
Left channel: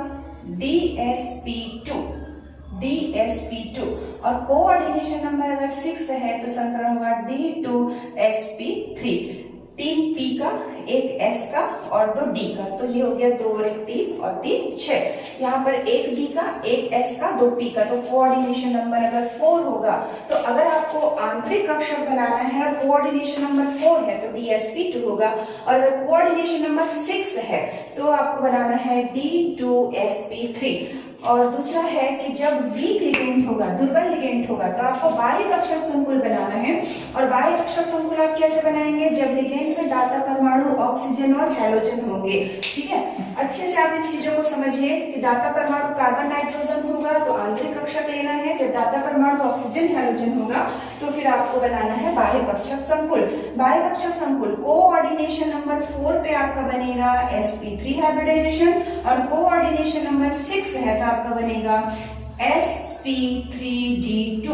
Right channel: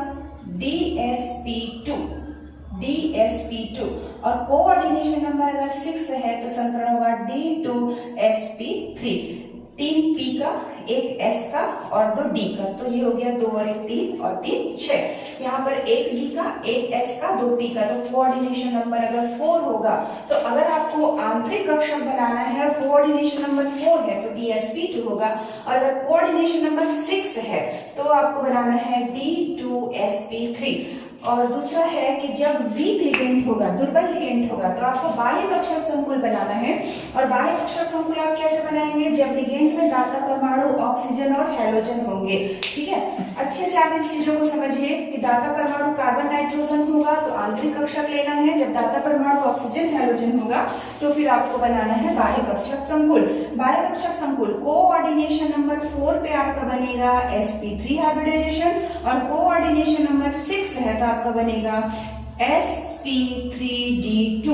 DsP2 और कोऑर्डिनेशन नंबर अगर 6 है तो संकरण होगा D2sp3। 3 P का, 1 S का और 2 D का। तो ये हो गया 2 और 1 3 और 3 6। यहाँ पर 1 D का, 1 S का, 2 P का। तो कोऑर्डिनेशन नंबर अगर 4 होगा तो अगर आपको आंतरिक कक्षक बनाना है और कोऑर्डिनेशन नंबर 4 है तो DsP2 होगा। और अगर कोऑर्डिनेशन नंबर 6 है तो आपको बनाना है D2sp3। और दूसरा है कि जब वीक लिगेंड होगा, दुर्बल लिगेंड होगा तो आपको बाह्य कक्षक संकुल बनाना है। और बाह्य कक्षक संकुल आप कैसे बनाएंगे, जब लिगेंड में दाता परमाणु ऑक्सीजन और हेलोजन होंगे। ठीक है, अच्छे से आप इन चीजों को समझिए कि दाता परमाणु कार्बन नाइट्रोजन होगा तो आंतरिक कक्षक लेना है। जब दाता परमाणु ऑक्सीजन हेलोजन होगा तो फिर आपको बनाना है बाह्य कक्षक संकुल। बाह्य कक्षक संकुल कोऑर्डिनेशन नंबर 4 पे आपका बनेगा sp3 हाइब्रिडाइजेशन और कोऑर्डिनेशन नंबर 6 है तो आपका बनेगा sp3d2।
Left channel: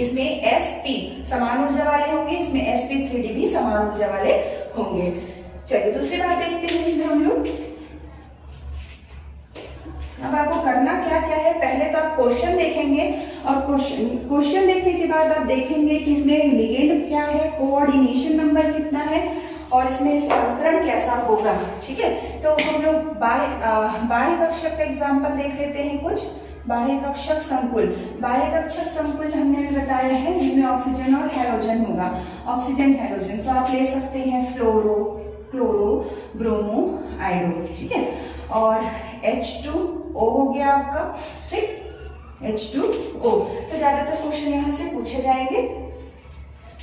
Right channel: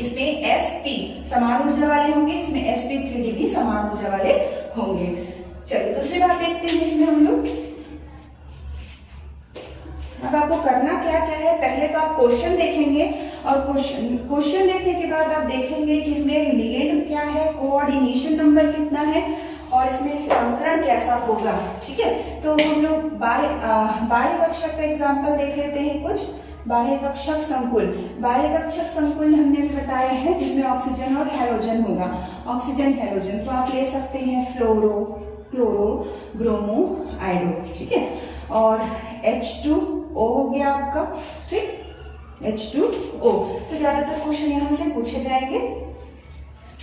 इसमें sp समान ऊर्जा वाले होंगे, इसमें sp3d भी समान ऊर्जा वाले होंगे। चलिए दूसरी बात देखते हैं इसमें हम लोग। अब आपको करना क्या क्या है, पहले तो आप क्वेश्चन देखेंगे और क्वेश्चन देखने के बाद आप देखेंगे कि इसमें लिगेंड क्या है, कोऑर्डिनेशन नंबर कितना है और इसमें संकरण कैसा होगा। ठीक है, तो हम लोग बाह्य कक्षक का एग्जांपल देख लेते हैं कुछ। बाह्य कक्षक संकुल हमने भी बताया है जिसमें ऑक्सीजन और हेलोजन होगा। ऑक्सीजन हेलोजन तो आप ले सकते हैं फ्लोरो, क्लोरो, ब्रोमो, आइडो। ठीक है, और H2O हो गया आपका। ठीक, H2O। तो ज्यादातर क्वेश्चन यहाँ से पूछे जाएंगे।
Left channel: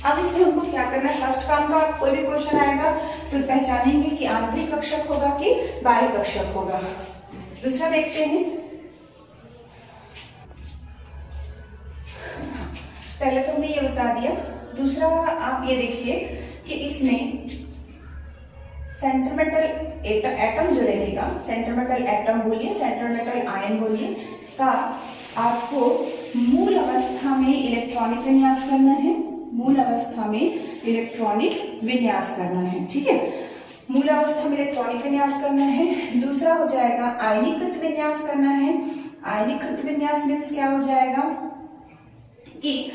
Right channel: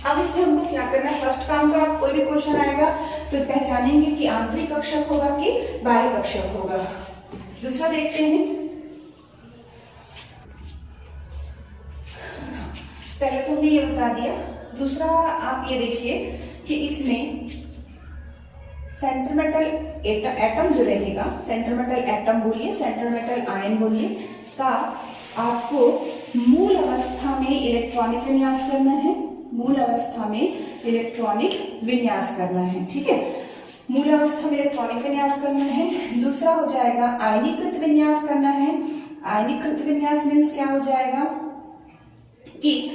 अब इसमें हमको क्या करना है, फर्स्ट काम तो आप कोई भी क्वेश्चन आएगा तो पहचानेंगे कि आंतरिक कक्षक होगा कि बाह्य कक्षक होगा। दूसरा देखते हैं, पहले तो हमने ये बता दिया। दूसरा आप ये देखिए कि इसमें सेंट्रल मेटल एटम जो रहेगा, सेंट्रल मेटल एटम बोलिए, सेंट्रल मेटल आयन बोलिए, का आपको मूल अवस्था में इलेक्ट्रॉनिक विन्यास करना है। मूल अवस्था में इलेक्ट्रॉनिक विन्यास करना है। ठीक है, मूल अवस्था में इलेक्ट्रॉनिक विन्यास करना है। दूसरा हो जाएगा आयनीकृत विन्यास करना है। आयनीकृत विन्यास मीन्स क्या हो जाएगा कि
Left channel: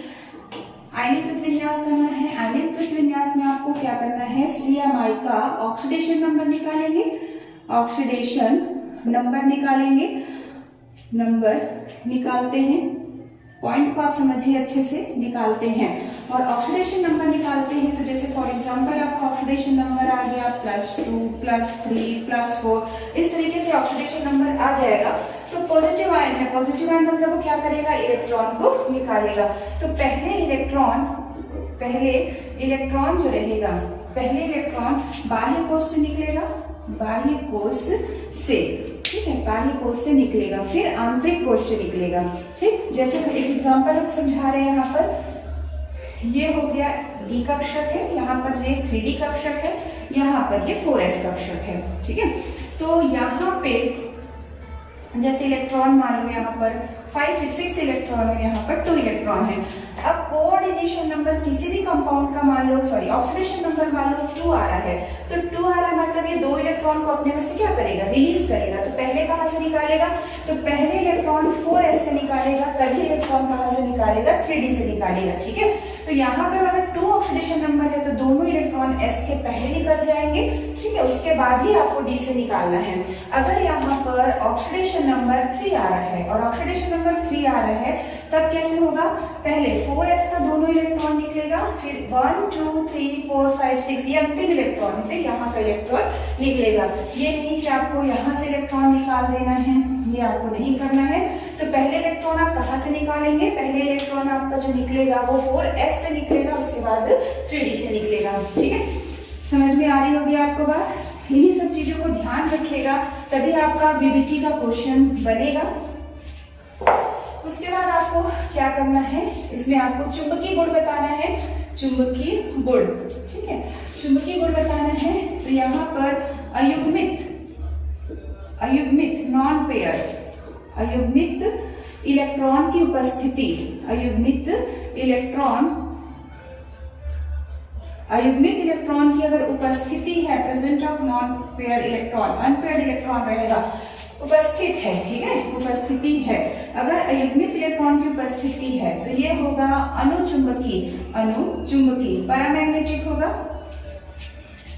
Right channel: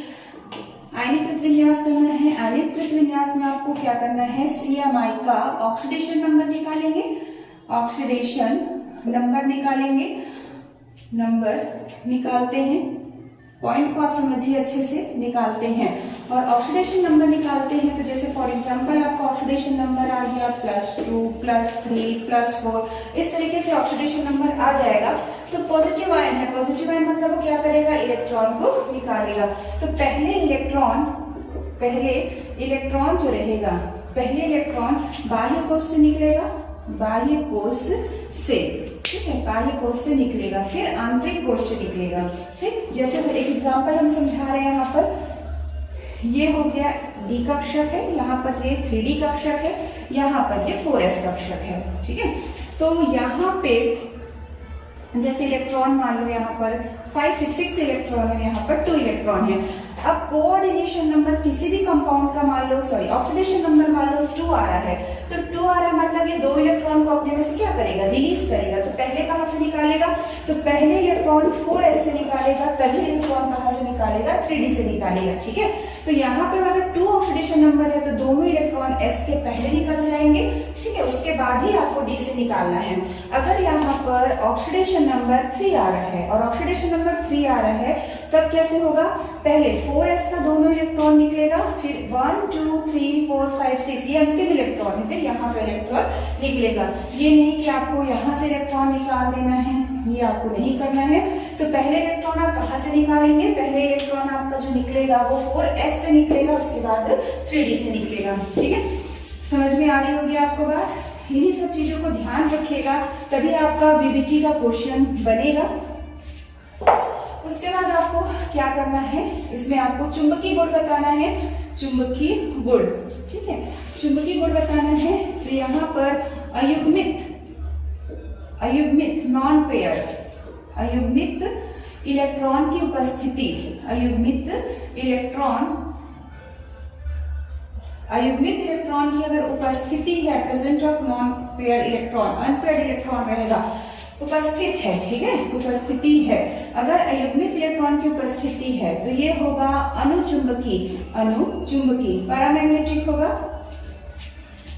आयनिक प्रतिविन्यास करना है। आयनिक प्रतिविन्यास में आपको क्या करना है, CMI का ऑक्सीडेशन नंबर निकालेंगे, ऑक्सीडेशन नंबर निकालेंगे, नंबर निकालते हैं, पॉइंट को आप समझिए अच्छे से, निकालते हैं और ऑक्सीडेशन नंबर निकालते हैं। तो जैसे फॉर एग्जांपल आपका ऑक्सीडेशन नंबर आ गया +2, +3, +4, इस तरीके से ऑक्सीडेशन नंबर आ जाएगा। तो पॉजिटिव आयन है, पॉजिटिव आयन मतलब वो क्या करेगा, इलेक्ट्रॉन को निकालेगा। तो पहले इलेक्ट्रॉन जो रहेगा, पहले इलेक्ट्रॉन बाह्य कोश से निकलेगा, बाह्य कोश से, ठीक है, बाह्य कोश से निकलेगा, फिर आंतरिक कोश से निकलेगा। ठीक, जैसे एक एग्जांपल हम समझा रहे हैं, यहाँ पर ये हो गया D कक्षक है, यहाँ पर ये 3D कक्षक है, यहाँ पर ये 4s कक्षक है। ठीक है, तो यहाँ पे जैसे इलेक्ट्रॉन मान लो यहाँ पर 5 फिर 6 इलेक्ट्रॉन है, यहाँ पर 2 इलेक्ट्रॉन है। अब कोऑर्डिनेशन नंबर किसी भी कंपाउंड का मान लो, सॉरी ऑक्सीडेशन नंबर मान लो 2 आ रहा है, तो 2 आ रहा मतलब ये 2 इलेक्ट्रॉन को अपने में से क्या करेगा, रिलीज करेगा। तो पहले कहाँ से निकालेगा, तो पहले इलेक्ट्रॉन 4s से निकालेगा, तभी इलेक्ट्रॉन कहाँ से निकालेगा, 3D से निकालेगा। ठीक है, तो यहाँ पर अगर 2 ऑक्सीडेशन नंबर है तो दोनों इलेक्ट्रॉन s के पहले निकल जाएंगे। ठीक है, उसके बाद ही आपको D से निकालना है। अगर यहाँ पर ऑक्सीडेशन नंबर 3 आ रहा है और ऑक्सीडेशन नंबर 3 आ रहा है, तब कैसे होगा, पहले 4s का दोनों इलेक्ट्रॉन निकलेगा, फिर 1 2 3 4 5 6 ये अंतिम इलेक्ट्रॉन है, फिर यहाँ का इलेक्ट्रॉन निकलेगा। ये नहीं कि आपको यहाँ से इलेक्ट्रॉन निकाल देना है, ये आपको नहीं करना है। तो पहले इलेक्ट्रॉन आप कहाँ से निकालेंगे, पहले इलेक्ट्रॉन आपका जो निकलेगा वो 4s से निकलेगा, उसके बाद 3D से निकलेगा। ठीक है, समझ में आ रही होगी आपको बात। इन्हीं सब चीजों को ध्यान रखिएगा, तभी आपका बीबीटी का क्वेश्चन बनेगा। उसके बाद आपको क्या करना है, इसमें आपको चुंबकीय गुण बताना है, चुंबकीय गुण। ठीक है, चुंबकीय गुण बताना है। तो यहाँ पर अयुग्मित नॉन पेयर, अयुग्मित इलेक्ट्रॉन की उपस्थिति, अयुग्मित इलेक्ट्रॉन की अगर उपस्थिति है, present of non pair electron, unpaired electron रहेगा, उपस्थित है। ठीक है, उपस्थिति है, अगर अयुग्मित इलेक्ट्रॉन की उपस्थिति है तो ये होगा अनुचुंबकीय, पैरामैग्नेटिक होगा,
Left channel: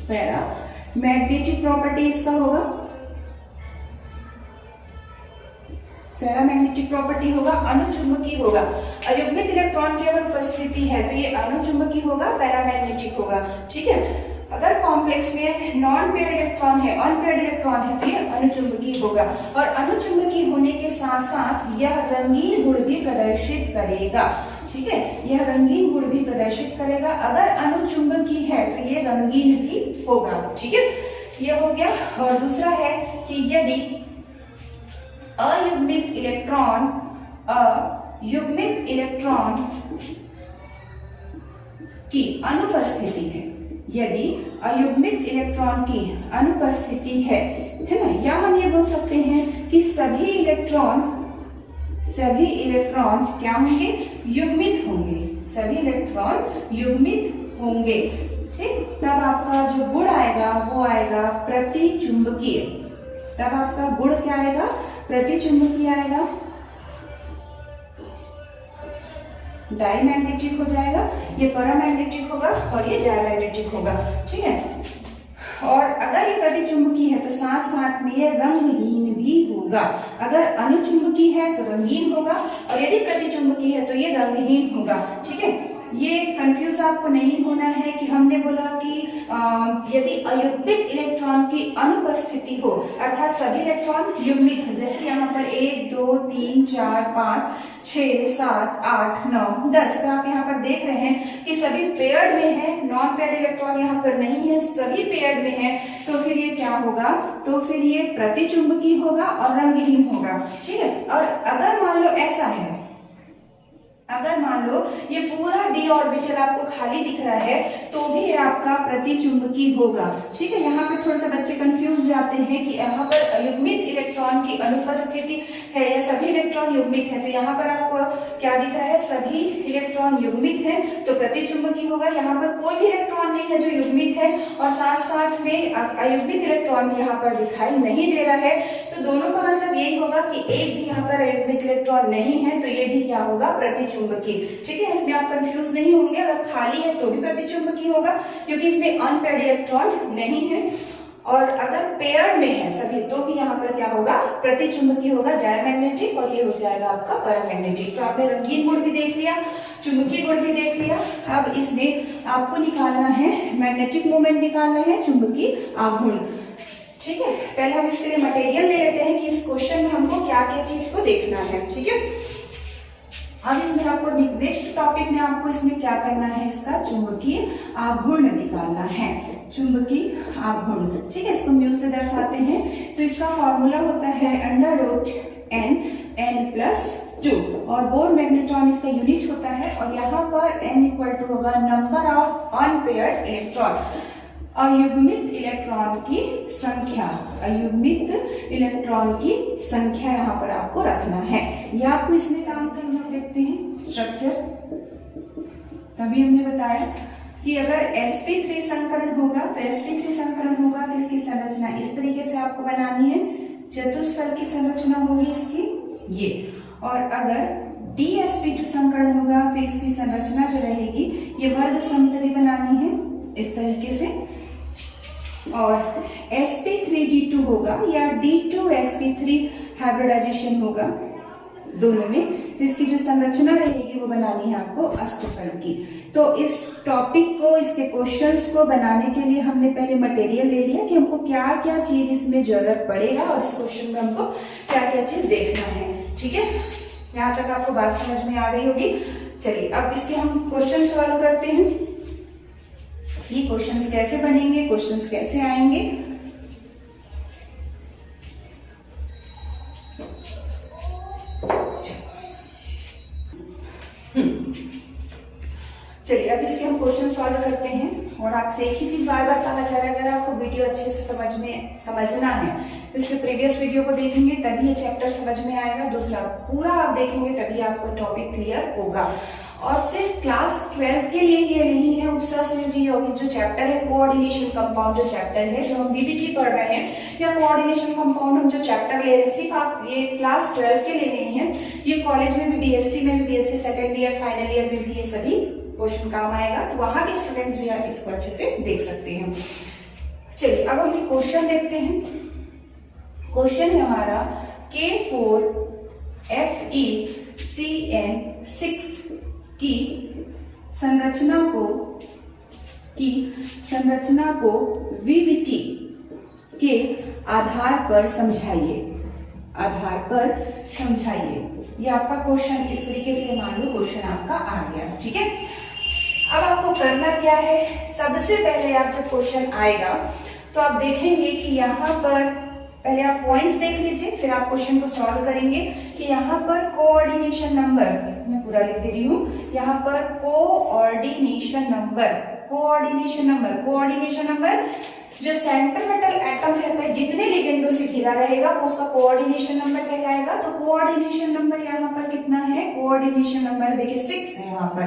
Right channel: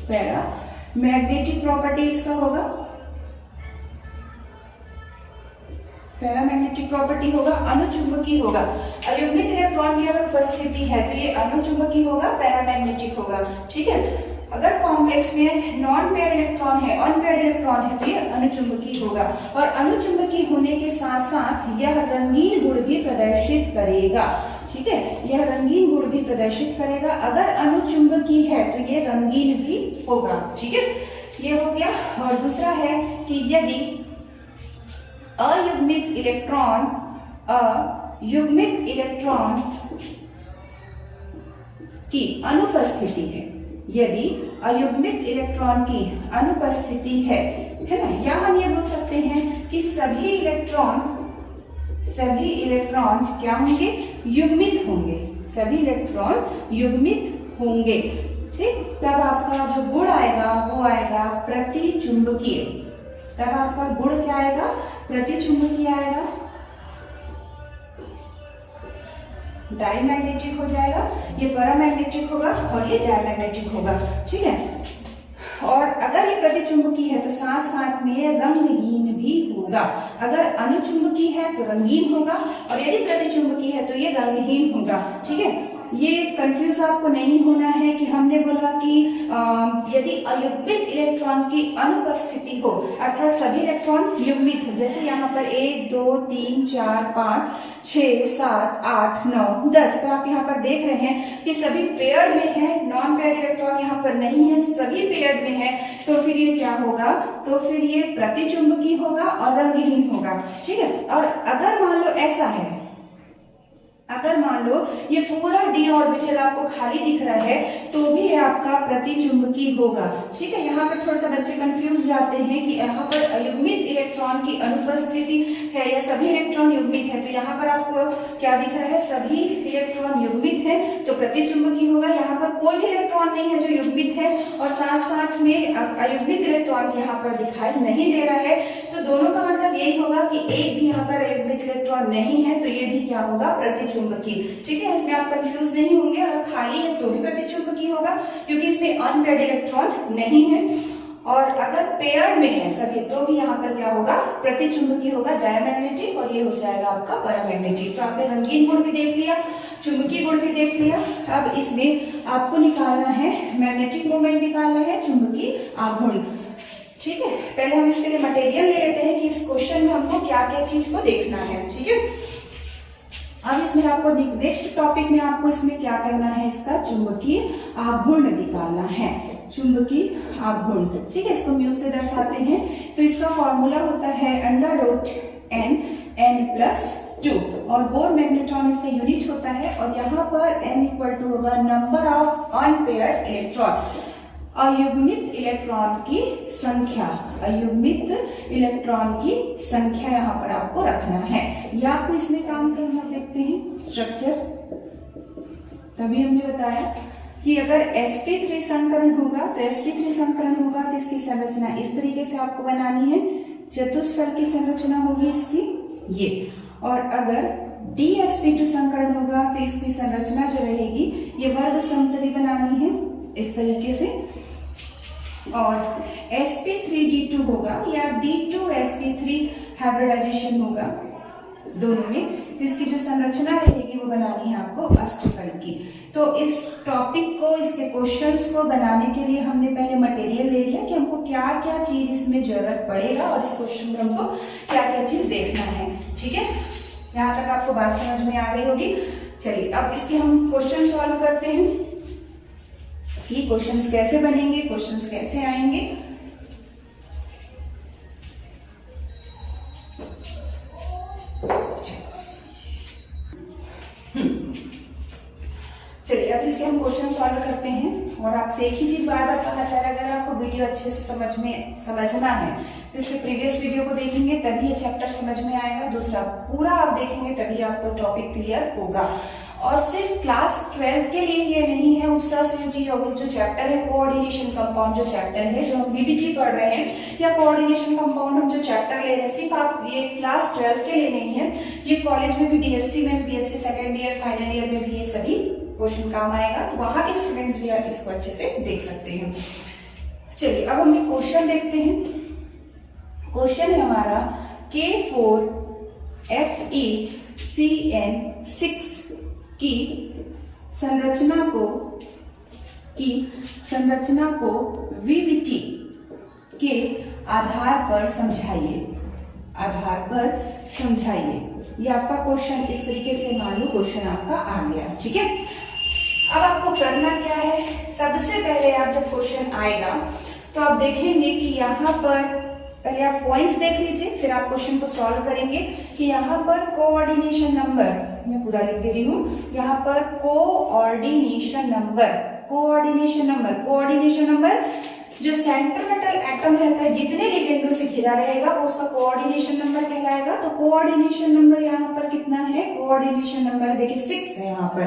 पैरामैग्नेटिक प्रॉपर्टी इसका होगा, पैरामैग्नेटिक प्रॉपर्टी होगा, अनुचुंबकीय होगा। अयुग्मित इलेक्ट्रॉन की अगर उपस्थिति है तो ये अनुचुंबकीय होगा, पैरामैग्नेटिक होगा। ठीक है, अगर कॉम्प्लेक्स में नॉन पेयर इलेक्ट्रॉन है, अनपेयर्ड इलेक्ट्रॉन है, तो ये अनुचुंबकीय होगा। और अनुचुंबकीय होने के साथ साथ यह रंगीन गुण भी प्रदर्शित करेगा। ठीक है, यह रंगीन गुण भी प्रदर्शित करेगा। अगर अनुचुंबकीय है तो ये रंगीन भी होगा। ठीक है, ये हो गया। और दूसरा है कि यदि अयुग्मित इलेक्ट्रॉन की अनुपस्थिति है, यदि अयुग्मित इलेक्ट्रॉन की अनुपस्थिति है ना, या हम ये बोल सकते हैं कि सभी इलेक्ट्रॉन क्या होंगे, युग्मित होंगे, सभी इलेक्ट्रॉन युग्मित होंगे। ठीक, तब आपका जो गुण आएगा वो आएगा प्रतिचुंबकीय, तब आपका गुण क्या आएगा, प्रतिचुंबकीय आएगा, डायमैग्नेटिक हो जाएगा, ये पैरामैग्नेटिक होगा और ये डायमैग्नेटिक होगा। ठीक है, और अगर ये प्रतिचुंबकीय है तो साथ साथ में ये रंगहीन भी होगा। अगर अनुचुंबकीय है तो रंगीन होगा और यदि प्रतिचुंबकीय है तो ये रंगहीन होगा। ठीक है, ये कंफ्यूज आपको नहीं होना है कि हमने बोला कि यदि अयुग्मित इलेक्ट्रॉन की अनुपस्थिति हो, अर्थात सभी इलेक्ट्रॉन युग्मित हो, जैसे यहाँ पर 1 2 3 4 5 6 7 8 9 10, तो आप यहाँ पर देख रहे हैं कि सभी पेयर्ड में है, नॉन पेयर्ड इलेक्ट्रॉन यहाँ पर नहीं है, सभी पेयर्ड में है। तो फिर ये क्या होगा, तो फिर ये प्रतिचुंबकीय होगा और रंगहीन होगा। ठीक है, और अगर मान लो ऐसा है, अगर मान लो ये पूरा d ऑर्बिटल आपको खाली दिख रहा है तो भी ये आपका प्रतिचुंबकीय होगा। ठीक है, यहाँ पर थोड़ा सा बच्चे कंफ्यूज जाते हैं कि यहाँ पर अयुग्मित इलेक्ट्रॉन की अनुपस्थिति है या सभी इलेक्ट्रॉन युग्मित है। तो यहाँ पर आपको क्या दिख रहा है, सभी इलेक्ट्रॉन युग्मित है तो प्रतिचुंबकीय होगा। यहाँ पर कोई भी इलेक्ट्रॉन नहीं है जो युग्मित है और साथ साथ में अयुग्मित इलेक्ट्रॉन यहाँ पर दिखाई नहीं दे रहा है। तो दोनों का मतलब ये यही होगा कि एक भी यहाँ पर अयुग्मित इलेक्ट्रॉन नहीं है तो ये भी क्या होगा, प्रतिचुंबकीय। ठीक है, इसमें आप कंफ्यूज नहीं होंगे, अगर खाली है तो भी प्रतिचुंबकीय होगा क्योंकि इसमें अनपेयर्ड इलेक्ट्रॉन नहीं है, और अगर पेयर में है सभी तो भी यहाँ पर क्या होगा, प्रतिचुंबकीय होगा, डायमैग्नेटिक, और ये हो जाएगा आपका पैरामैग्नेटिक। तो आपने रंगीन गुण भी देख लिया, चुंबकीय गुण भी देख लिया। अब इसमें आपको निकालना है मैग्नेटिक मोमेंट, निकालना है चुंबकीय आघूर्ण। ठीक है, पहले हम इसके लिए मटेरियल ले लेते हैं कि इस क्वेश्चन में हमको क्या क्या चीज को देखना है। ठीक है, अब इसमें आपको नेक्स्ट टॉपिक में आपको इसमें क्या करना है, इसका चुंबकीय आघूर्ण निकालना है, चुंबकीय आघूर्ण। ठीक है, इसको म्यू से दर्शाते हैं। तो इसका फॉर्मूला होता है √n+2 और बोर मैग्नेट्रॉन इसका यूनिट होता है, और यहाँ पर n = होगा नंबर ऑफ अनपेयर्ड इलेक्ट्रॉन, अयुग्मित इलेक्ट्रॉन की संख्या, अयुग्मित इलेक्ट्रॉन की संख्या यहाँ पर आपको रखना है। या आपको इसमें काम करना, देखते हैं स्ट्रक्चर। तभी हमने बताया कि अगर sp3 संकरण होगा तो sp3 संकरण होगा तो इसकी संरचना इस तरीके से आपको बनानी है, चतुष्फल की संरचना होगी इसकी ये, और अगर dsp2 संकरण होगा तो इसकी संरचना जो रहेगी ये वर्ग समतली बनानी है इस तरीके से, और sp3d2 होगा या d2sp3 हाइब्रिडाइजेशन होगा दोनों में, तो इसकी जो संरचना रहेगी वो बनानी है आपको अष्टफल की। तो इस टॉपिक को, इसके क्वेश्चंस को बनाने के लिए हमने पहले मटेरियल ले लिया कि हमको क्या क्या चीज इसमें जरूरत पड़ेगा और इस क्वेश्चन में हमको क्या क्या चीज देखना है। ठीक है, यहाँ तक आपको बात समझ में आ गई होगी। चलिए अब इसके हम क्वेश्चन सॉल्व करते हैं। ये क्वेश्चंस कैसे बनेंगे, क्वेश्चंस कैसे आएंगे। चलिए अब इसके हम क्वेश्चन सॉल्व करते हैं, और आपसे एक ही चीज बार बार कहा जा रहा है, अगर आपको वीडियो अच्छे से समझना है तो इसके प्रीवियस वीडियो को देखेंगे तभी ये चैप्टर समझ में आएगा। दूसरा, पूरा आप देखेंगे तभी आपको टॉपिक क्लियर होगा। और सिर्फ क्लास 12 के लिए ये नहीं है, उपसंयोजी यौगिक जो चैप्टर है, कोऑर्डिनेशन कंपाउंड जो चैप्टर है, जो हम बीबीटी पढ़ रहे हैं, या कोऑर्डिनेशन कंपाउंड हम जो चैप्टर ले रहे हैं, सिर्फ आप ये क्लास 12 के लिए नहीं है, ये कॉलेज में भी, बीएससी में भी, BSc second year final year में भी ये सभी क्वेश्चन काम आएगा। तो वहां के स्टूडेंट्स भी इसको अच्छे से देख सकते हैं। चलिए अब हम क्वेश्चन देखते हैं। क्वेश्चन है हमारा K4FeCN6 की संरचना को वीबीटी के आधार पर समझाइए। ये आपका क्वेश्चन इस तरीके से मान लो क्वेश्चन आपका आ गया। ठीक है, अब आपको करना क्या है, सबसे पहले आप जब क्वेश्चन आएगा तो आप देखेंगे कि यहाँ पर पहले आप पॉइंट्स देख लीजिए, फिर आप क्वेश्चन को सॉल्व करेंगे कि यहाँ पर कोऑर्डिनेशन नंबर, मैं पूरा लिख दे रही हूँ, यहाँ पर कोऑर्डिनेशन नंबर जो सेंटर मेटल एटम रहता है, जितने लिगेंडों से घिरा रहेगा वो उसका कोऑर्डिनेशन नंबर कहलाएगा। तो कोऑर्डिनेशन नंबर यहाँ पर कितना है, कोऑर्डिनेशन नंबर देखिए 6 है, यहाँ पर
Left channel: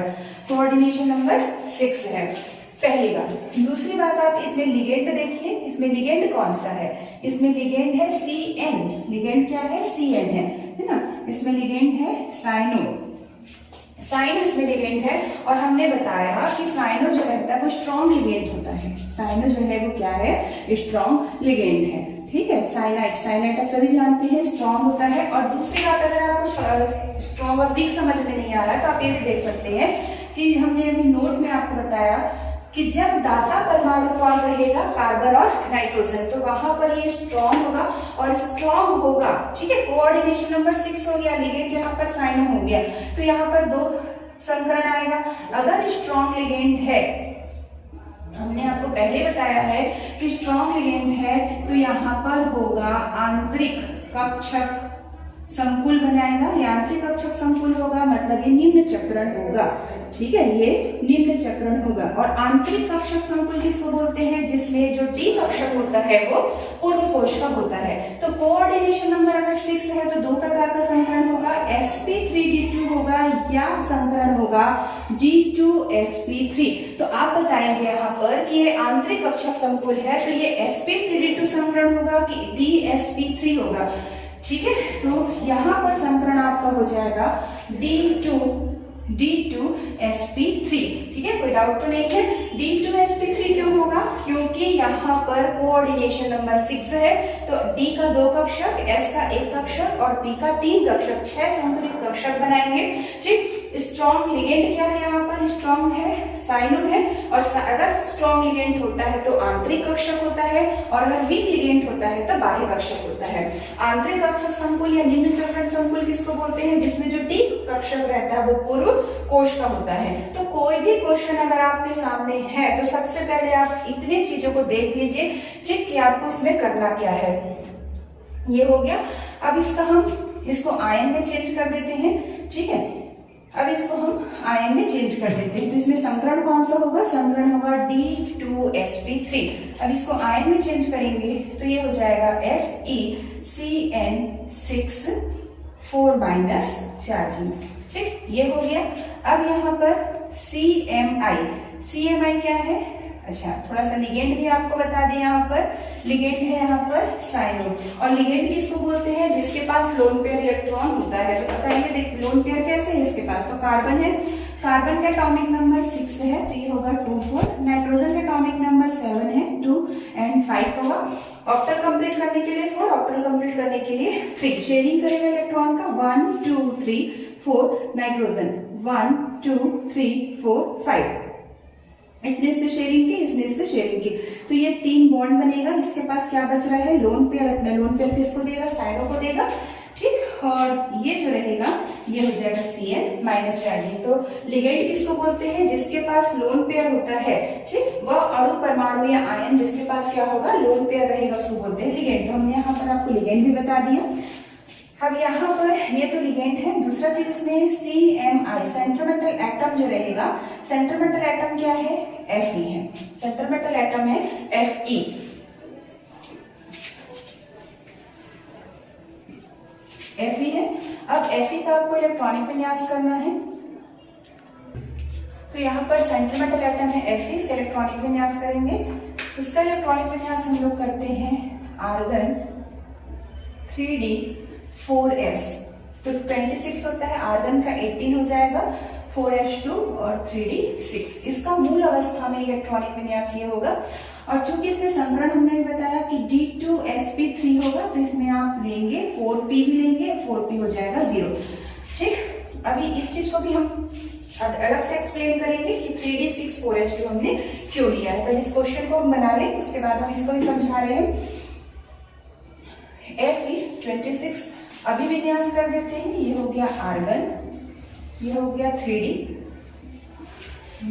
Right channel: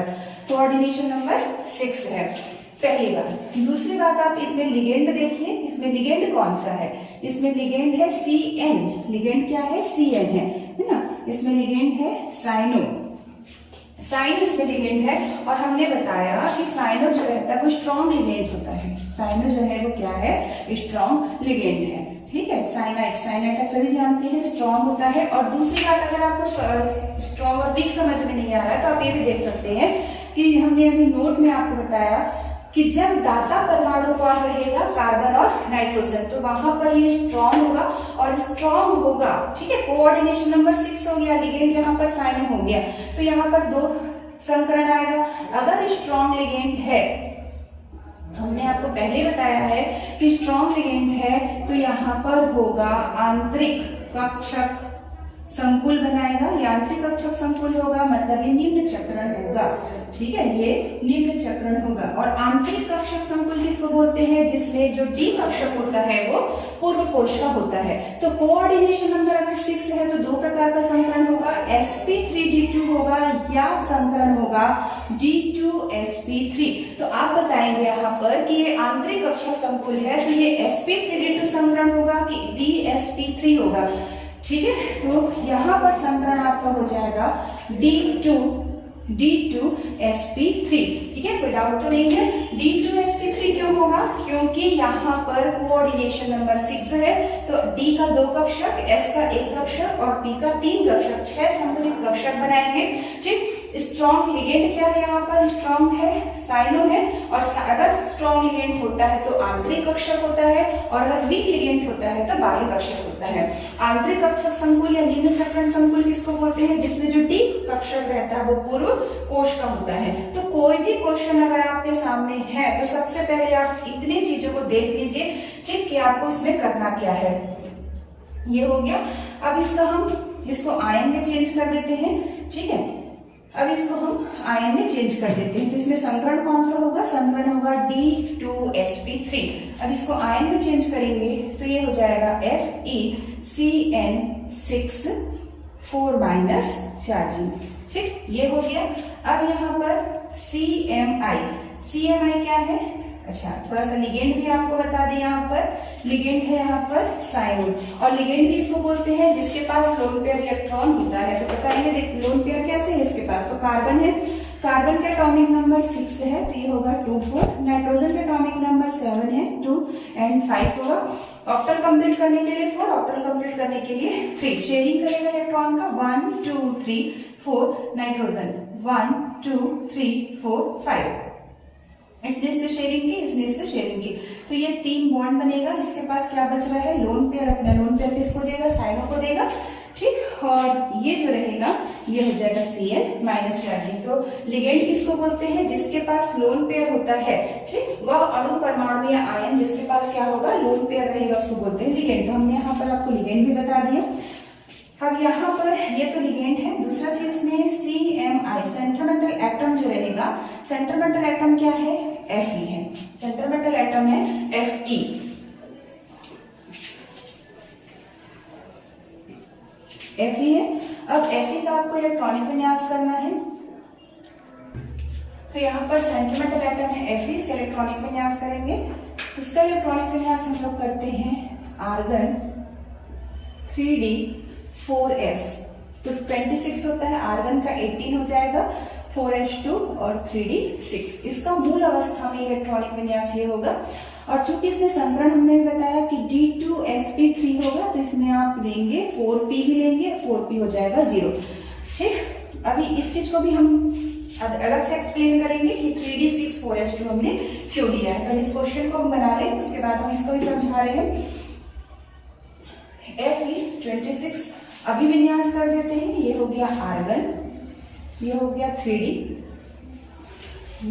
कोऑर्डिनेशन नंबर 6 है, पहली बात। दूसरी बात, आप इसमें लिगेंड देखिए, इसमें लिगेंड कौन सा है, इसमें लिगेंड है CN, लिगेंड क्या है, CN है ना। इसमें लिगेंड है साइनो इसमें लिगेंड है, और हमने बताया कि साइनो जो रहता है वो स्ट्रॉन्ग लिगेंड होता है, साइनो जो है वो क्या है, स्ट्रॉन्ग लिगेंड है। ठीक है, साइनाइड आप सभी जानते हैं स्ट्रॉन्ग होता है। और दूसरी बात, अगर आपको स्ट्रॉन्ग और वीक समझ में नहीं आ रहा है तो आप ये भी देख सकते हैं कि हमने अभी नोट में आपको बताया कि जब दाता परमाणु कौन रहेगा, कार्बन और नाइट्रोजन, तो वहां पर ये स्ट्रॉन्ग होगा और स्ट्रॉन्ग होगा। ठीक है, कोऑर्डिनेशन नंबर 6 हो गया, लिगेंड यहाँ पर साइनो हो गया, तो यहाँ पर 2 संकरण आएगा। अगर स्ट्रॉन्ग लिगेंड है, हमने आपको पहले बताया है कि स्ट्रॉन्ग लिगेंड है, तो यहाँ पर होगा आंतरिक कक्षक संकुल बनाएगा, यांत्रिक कक्षक संकुल होगा, मतलब ये निम्न चक्रण होगा। ठीक है, ये निम्न चक्रण होगा। और आंतरिक कक्षक संकुल किसको बोलते हैं, जिसमें जो डी कक्षक होता है वो पूर्व कोश का होता है। तो कोऑर्डिनेशन नंबर अगर 6 है तो 2 प्रकार का संकरण होगा, sp3d2 होगा या संकरण होगा d2sp3। तो आप बताएंगे यहाँ पर कि ये आंतरिक कक्षक संकुल है, तो ये sp3d2 संकरण होगा कि dsp3 होगा। ठीक है, तो यहाँ पर समीकरण आपका हो जाएगा D2sp3। ठीक है, कोई डाउट तो नहीं है। D2sp3 क्यों होगा? क्योंकि यहाँ पर कोऑर्डिनेशन नंबर 6 है, तो D का 2 कक्षक, S का 1 कक्षक और P का 3 कक्षक, 6 संकलित कक्षक बनाएंगे। ठीक, स्ट्रॉन्ग लिगेंड क्या है? यहाँ पर स्ट्रॉन्ग है, साइनो है, और अगर स्ट्रॉन्ग लिगेंड होता है तो आंतरिक कक्षक होता है, और अगर वीक लिगेंड होता है तो बाह्य कक्षक होता है। आंतरिक कक्षक संकुल या निम्न चक्रण संकुल किसको बोलते हैं? जिसमें जो डी कक्षक रहता है वो पूर्व कोश का होता है। तो कोई भी क्वेश्चन अगर आपके सामने है तो सबसे पहले आप इतनी चीजों को देख लीजिए, ठीक, कि आपको इसमें करना क्या है। ये हो गया। अब इसको आयन में चेंज कर देते हैं। ठीक है, अब इसको हम आयन में चेंज कर देते हैं, तो इसमें संकरण कौन सा होगा? संकरण होगा D2sp3। अब इसको आयन में चेंज करेंगे तो ये हो जाएगा FeCN6 4- चार्जिंग। ठीक, ये हो गया। अब यहाँ पर CMI क्या है? अच्छा, थोड़ा सा लिगेंड भी आपको बता दें। यहाँ पर लिगेंड है यहाँ पर साइनो, और लिगेंड किसको बोलते हैं? जिसके पास लोन पेयर इलेक्ट्रॉन होता है। तो बताइए, देख लोन पेयर कैसे है इसके पास? तो कार्बन है, कार्बन का एटॉमिक नंबर 6 है तो ये होगा 2 4। नाइट्रोजन का एटॉमिक नंबर 7 है, 2 और 5 होगा। ऑक्टल कंप्लीट करने के लिए 4, ऑक्टल कंप्लीट करने के लिए 3। शेयरिंग करेगा इलेक्ट्रॉन का 1 2 3 4। नाइट्रोजन 1 2 3 4 5। इसने इससे शेयरिंग की, इसने इससे शेयरिंग की, तो ये 3 बॉन्ड बनेगा। इसके पास क्या बच रहा है? Lone pair. अपना लोन पेयर किसको देगा? साइडो को देगा। ठीक, और ये जो रहेगा ये हो जाएगा Cn- चार्जिंग। तो लिगेंड किसको बोलते हैं? जिसके पास लोन पेयर होता है। ठीक, वह अणु, परमाणु या आयन जिसके पास क्या होगा? लोन पेयर रहेगा, उसको बोलते हैं लिगेंड। तो हमने यहाँ पर आपको लिगेंड भी बता दिया। अब यहाँ पर ये तो लिगेंड है। दूसरा चीज इसमें CMI, सेंट्रोमेटल एटम जो रहेगा, सेंट्रोमेटल एटम क्या है? Fe है। सेंट्रोमेटल एटम है Fe। Fe है। अब Fe का आपको इलेक्ट्रॉनिक विन्यास करना है, तो यहाँ पर सेंट्रोमेटल एटम है Fe, से इलेक्ट्रॉनिक विन्यास करेंगे। इसका इलेक्ट्रॉनिक विन्यास हम लोग करते हैं आर्गन 3d4s, तो 26 होता है। आर्गन का 18 हो जाएगा, 4h2 और 3d6। इसका मूल अवस्था में इलेक्ट्रॉनिक विन्यास ये होगा। और चूंकि इसमें संकरण हमने भी बताया कि D2sp3 होगा, तो इसमें आप लेंगे 4p भी लेंगे, 4p हो जाएगा 0। ठीक, अभी इस चीज को भी हम अलग से एक्सप्लेन करेंगे कि 3d6 4h2 हमने क्यों लिया है। पहले इस क्वेश्चन को हम बना लें, उसके बाद हम इसको भी समझा रहे हैं। Fe26 अभी विन्यास कर देते हैं। ये हो गया आर्गन, ये हो गया 3d,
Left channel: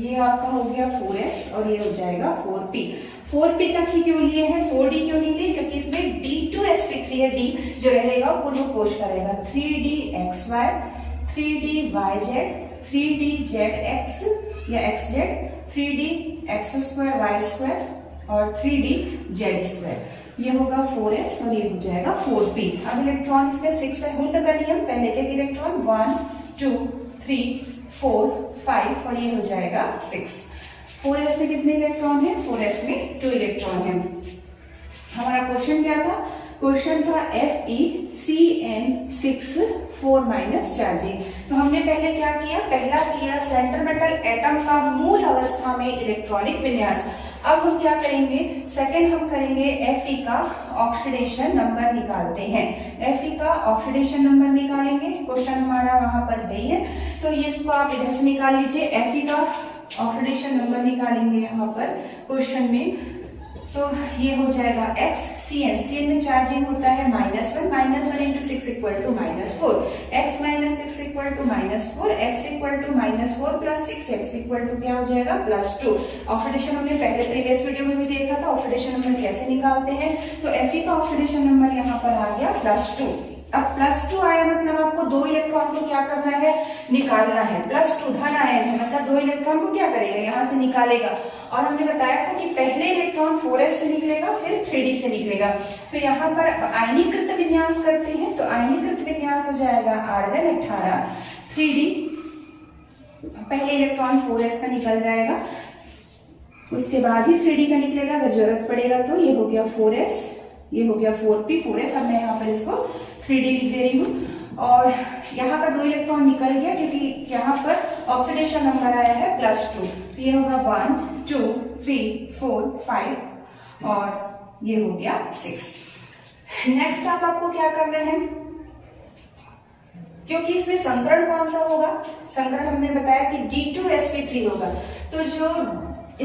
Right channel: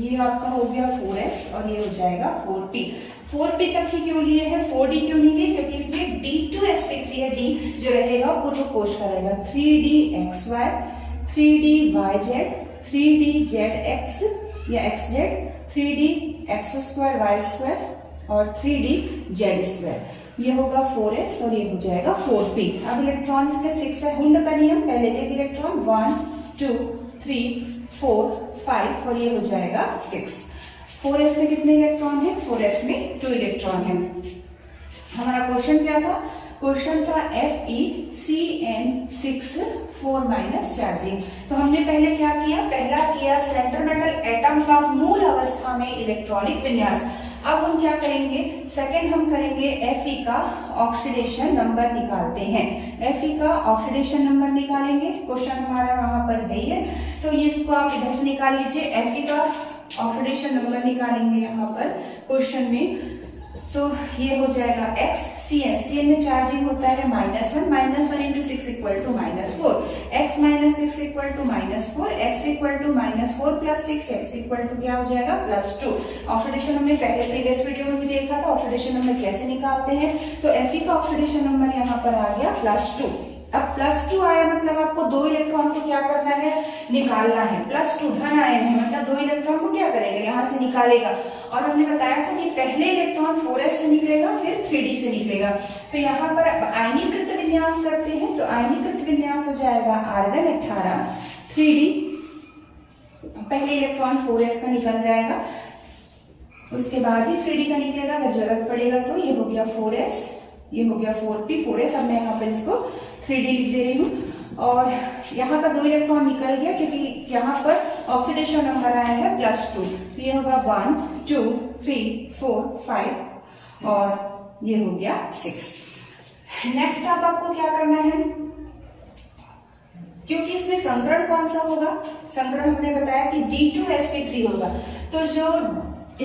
ये आपका हो गया 4s, और ये हो जाएगा 4p। 4p तक ही क्यों लिए हैं? 4d क्यों नहीं लिए? क्योंकि इसमें D2sp3 है, D जो रहेगा पूर्व कोश का रहेगा। 3dxy, 3dyz, 3dzx या xz, 3dx2y2 और 3dz2। ये होगा 4s और ये हो जाएगा 4p। अब इलेक्ट्रॉन इसमें 6 है। हुंड का नियम, पहले एक इलेक्ट्रॉन 1 2 3 4 5 और ये हो जाएगा 6। 4s में कितने इलेक्ट्रॉन है? 4s में 2 इलेक्ट्रॉन है। हमारा क्वेश्चन क्या था? क्वेश्चन था FeCN6 4- चार्जिंग। तो हमने पहले क्या किया? पहला किया सेंट्रोमेटल एटम का मूल अवस्था में इलेक्ट्रॉनिक विन्यास। अब हम क्या करेंगे? सेकंड हम करेंगे Fe का ऑक्सीडेशन नंबर निकालते हैं। Fe का ऑक्सीडेशन नंबर निकालेंगे, क्वेश्चन हमारा वहां पर है ही है, तो ये इसको आप इधर से निकाल लीजिए। Fe का ऑक्सीडेशन नंबर निकालेंगे यहाँ पर क्वेश्चन में, तो ये हो जाएगा XCN। CN में चार्जिंग होता है -1, -1 × 6 = -4, x - 6 = -4, x = -4 + 6, x = क्या हो जाएगा? +2। ऑक्सीडेशन हमने पहले प्रीवियस वीडियो में भी देखा था, ऑक्सीडेशन नंबर कैसे निकालते हैं। तो Fe का ऑक्सीडेशन नंबर यहाँ पर आ गया +2। अब +2 आया मतलब आपको 2 इलेक्ट्रॉन को क्या करना है? निकालना है। +2 धन आयन है, मतलब 2 इलेक्ट्रॉन को क्या करेगा? यहाँ से निकालेगा। और हमने बताया था कि पहले इलेक्ट्रॉन 4s से निकलेगा, फिर 3d से निकलेगा। तो यहाँ पर आयनीकृत विन्यास करते हैं, तो आयनीकृत विन्यास हो जाएगा आर्गन 18 3d। पहले इलेक्ट्रॉन 4s का निकल जाएगा, उसके बाद ही 3d का निकलेगा अगर जरूरत पड़ेगा तो। ये हो गया 4s, ये हो गया 4p, 4s। अब मैं यहाँ पर इसको 3d लिख दे रही हूँ। और यहाँ का 2 इलेक्ट्रॉन निकल गया क्योंकि यहाँ पर ऑक्सीडेशन नंबर आया है +2, तो ये होगा 1 2 3 4 5 और ये हो गया 6। नेक्स्ट अब आपको क्या करना है, क्योंकि इसमें संकरण कौन सा होगा, संकरण हमने बताया कि D2sp3 होगा। तो जो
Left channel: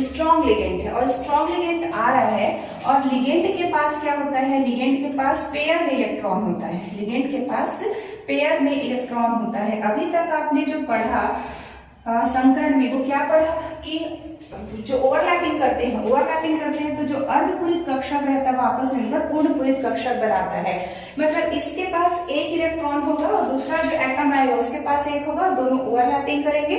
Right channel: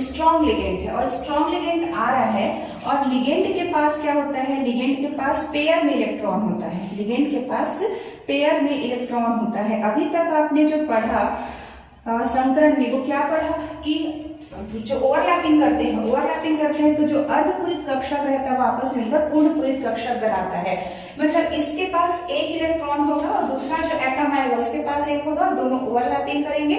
स्ट्रॉन्ग लिगेंड है और स्ट्रॉन्ग लिगेंड आ रहा है और लिगेंड के पास क्या होता है, लिगेंड के पास पेयर में इलेक्ट्रॉन होता है, लिगेंड के पास पेयर में इलेक्ट्रॉन होता है। अभी तक आपने जो पढ़ा संकरण में वो क्या पढ़ा कि जो ओवरलैपिंग करते हैं तो जो अर्धपूरित कक्षक रहता है वो आपस में मिलकर पूर्णपूरित कक्षक बनाता है। मतलब इसके पास एक इलेक्ट्रॉन होगा और दूसरा जो एटम आएगा उसके पास एक होगा और दोनों ओवरलैपिंग करेंगे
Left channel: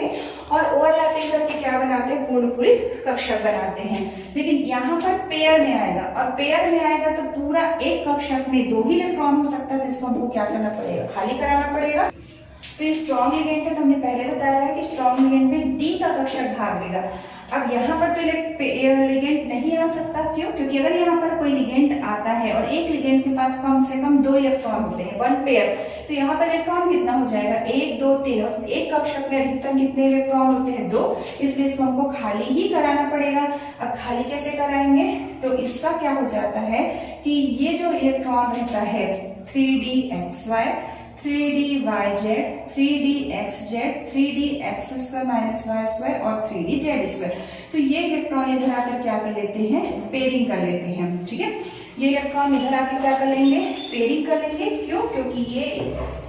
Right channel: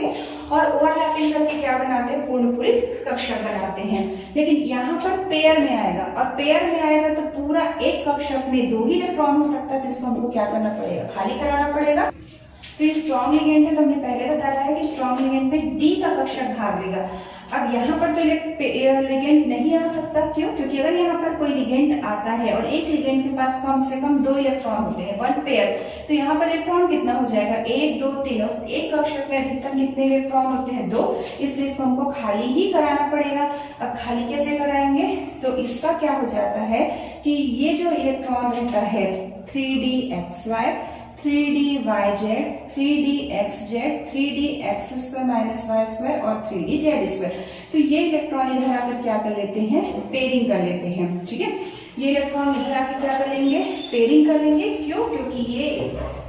और ओवरलैपिंग करके क्या बनाते हैं, पूर्णपूरित कक्षक बनाते हैं। लेकिन यहाँ पर पेयर में आएगा और पेयर में आएगा तो पूरा एक कक्षक में 2 ही इलेक्ट्रॉन हो सकता है, तो इसको हमको क्या करना पड़ेगा, खाली कराना पड़ेगा। तो ये स्ट्रॉन्ग लिगेंड है, तो हमने पहले बताया है कि स्ट्रॉन्ग लिगेंड में D का कक्षक भाग लेगा। अब यहाँ पर तो लिगेंड नहीं आ सकता, क्यों, क्योंकि अगर यहाँ पर कोई लिगेंड आता है और एक लिगेंड के पास कम से कम 2 इलेक्ट्रॉन होते हैं, 1 पेयर, तो यहाँ पर इलेक्ट्रॉन कितना हो जाएगा, 1 2 3, और एक कक्षक में अधिकतम कितने इलेक्ट्रॉन होते हैं, 2, इसलिए इसको हमको खाली ही कराना पड़ेगा। अब खाली कैसे कराएंगे, तो इसका क्या हो जाता है कि ये जो इलेक्ट्रॉन रहता है 3dxy 3dyz 3dxz 3dx² -y² और 3dz², तो ये इलेक्ट्रॉन इधर आकर क्या कर लेते हैं, पेयरिंग कर लेते हैं। ठीक है, ये इलेक्ट्रॉन इधर आकर क्या कर लेंगे, पेयरिंग कर लेंगे। क्यों, क्योंकि ये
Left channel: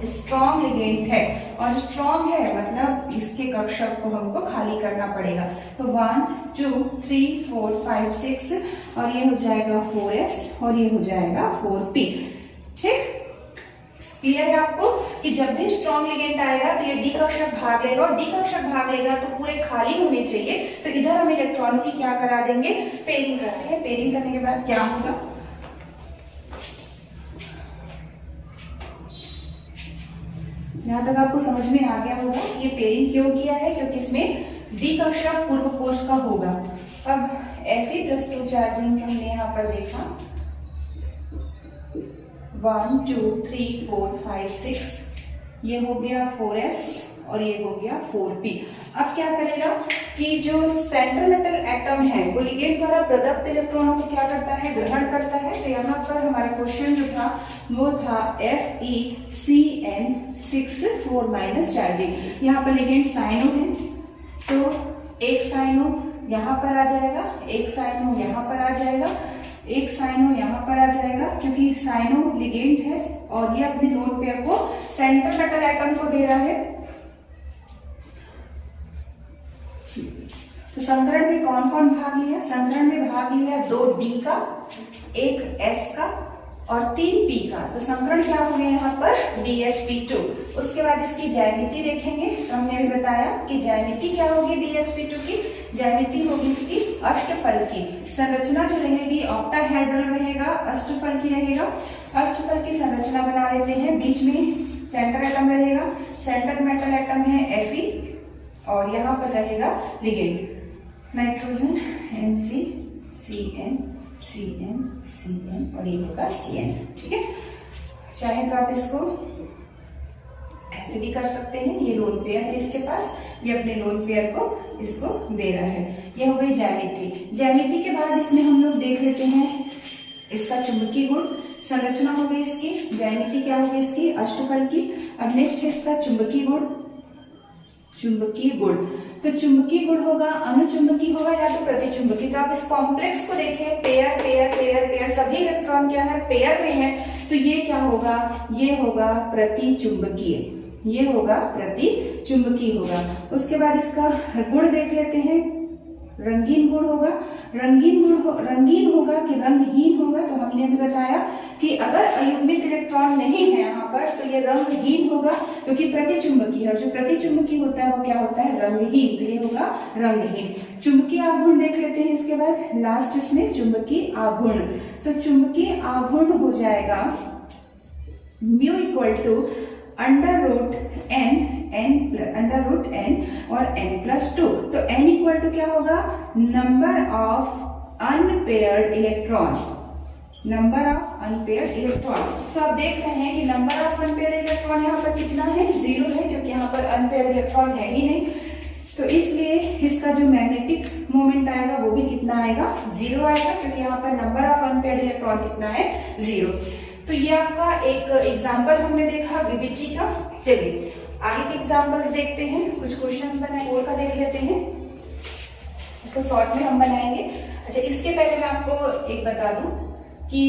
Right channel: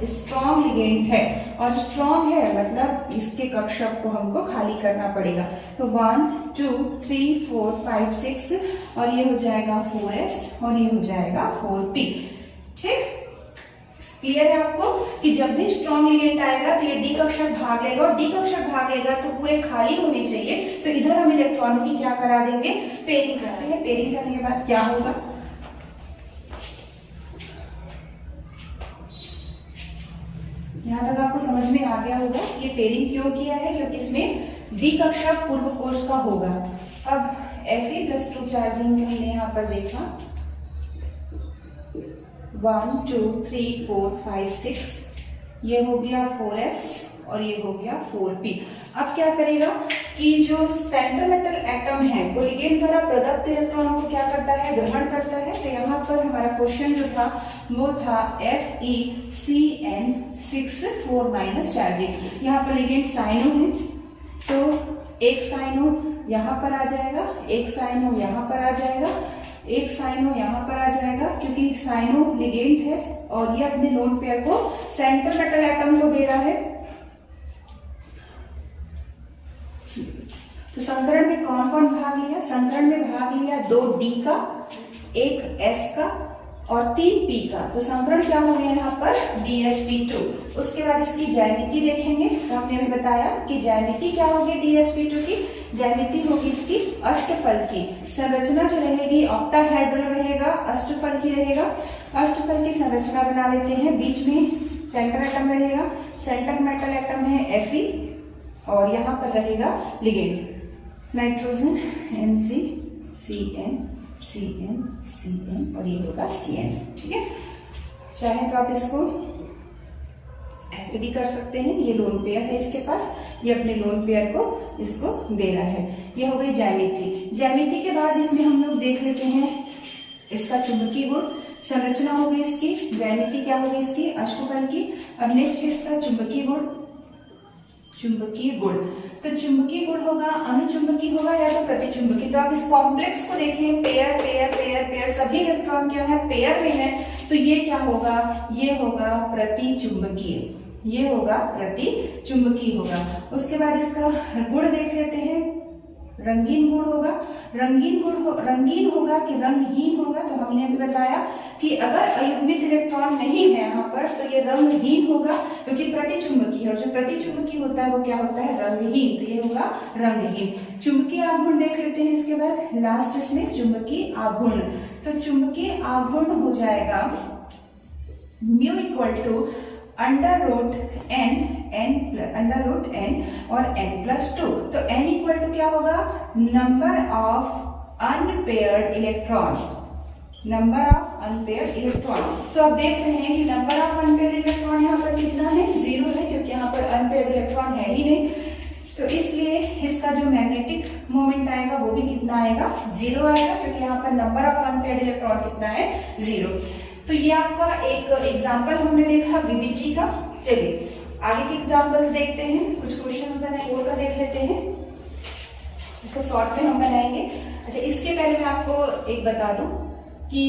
स्ट्रॉन्ग लिगेंड है और स्ट्रॉन्ग है मतलब इसके कक्षक को हमको खाली करना पड़ेगा। तो 1 2 3 4 5 6 और ये हो जाएगा 4s और ये हो जाएगा 4p। ठीक, क्लियर है आपको कि जब भी स्ट्रॉन्ग लिगेंड आएगा तो ये D कक्षक भाग लेगा और D कक्षक भाग लेगा तो पूरे खाली होने चाहिए, तो इधर हम इलेक्ट्रॉन की क्या करा देंगे, पेयरिंग कर देंगे। पेयरिंग करने के बाद क्या होगा, यहाँ तक आपको समझ में आ गया होगा ये पेयरिंग क्यों किया है, क्योंकि इसमें D कक्षक पूर्व कोश का होगा। अब Fe+2 चार्जिंग हमने यहाँ पर देखा 1 2 3 4 5 6, ये हो गया 4s और ये हो गया 4p। अब क्या करेगा कि जो सेंट्रल मेटल एटम है वो लिगेंड द्वारा प्रदत्त इलेक्ट्रॉन को क्या करता है, ग्रहण करता है। तो यहाँ पर हमारा क्वेश्चन जो था वो था FeCN6 4- चार्जिंग। यहाँ पर लिगेंड साइनो है तो एक साइनो यहाँ पर आ जाएगा, एक साइनो यहाँ पर आ जाएगा, एक साइनो यहाँ पर आ जाएगा, क्योंकि साइनो लिगेंड है और ये अपने लोन पेयर को सेंट्रल मेटल एटम को दे रहा है। तो संकरण में कौन कौन भाग लिया, संकरण में भाग लिया 2D का, 1s का और 3p का। तो संकरण क्या हो गया यहाँ पर DsP2। उसके बाद इसकी ज्यामिति देखेंगे, तो हमने अभी बताया कि ज्यामिति क्या होगी DsP2 की, ज्यामिति होगी इसकी अष्टफल की। संरचना जो रहेगी ऑक्टाहेड्रल रहेगा, अष्टफल की रहेगा। अष्टफल की संरचना बना लेते हैं, बीच में सेंटर एटम रहेगा, सेंटर मेटल एटम है Fe और यहाँ पर रहेगा ligand nitrogen Nc Cn Cn Cn और ये होगा Cn। ठीक है, चाहे तो आप इसको ऐसे भी कर सकते हैं, ये लोन पेयर है इसके पास, ये अपने लोन पेयर को इसको दे रहा है। ये हो गई ज्यामिति। ज्यामिति के बाद इसमें हम लोग देख लेते हैं इसका चुंबकीय गुण। संरचना हो गई इसकी, ज्यामिति क्या हो गई इसकी अष्टफल की। अब नेक्स्ट है इसका चुंबकीय गुण। चुंबकीय गुण, तो चुंबकीय गुण होगा अनुचुंबकीय होगा या तो प्रतिचुंबकीय। तो आप इस कॉम्प्लेक्स को देखें, पेयर पेयर पेयर पेयर, सभी इलेक्ट्रॉन क्या है, पेयर में है, तो ये क्या होगा, ये होगा प्रतिचुंबकीय, ये होगा प्रतिचुंबकीय होगा। उसके बाद इसका गुण देख लेते हैं, रंगीन गुण होगा। रंगीन होगा कि रंगहीन होगा, तो हमने भी बताया कि अगर अयुग्मित इलेक्ट्रॉन नहीं है यहाँ पर तो ये रंगहीन होगा, क्योंकि प्रतिचुंबकीय है और जो प्रतिचुंबकीय होता है वो क्या होता है, रंगहीन, तो ये होगा रंगहीन। चुंबकीय आघूर्ण देख लेते हैं इसके बाद लास्ट इसमें चुंबकीय आघूर्ण। तो चुंबकीय आघूर्ण हो जाएगा mu equal to under root n और n+2। तो n इक्वल टू क्या होगा, number of unpaired electron, number of unpaired electron. तो आप देख रहे हैं कि नंबर ऑफ अनपेयर्ड इलेक्ट्रॉन यहाँ पर कितना है, 0 है, क्योंकि यहाँ पर अनपेयर्ड इलेक्ट्रॉन है ही नहीं। तो इसलिए इसका जो मैग्नेटिक मोमेंट आएगा वो भी कितना आएगा, 0 आएगा, क्योंकि यहाँ पर नंबर ऑफ अनपेयर्ड इलेक्ट्रॉन कितना है, 0। तो ये आपका एक एग्जाम्पल हमने देखा वीबीजी का। चलिए आगे के एग्जाम्पल्स देखते हैं, कुछ क्वेश्चंस बनाए और का देख लेते हैं, इसको शॉर्ट में हम बनाएंगे। अच्छा, इसके पहले मैं आपको एक बता दूं कि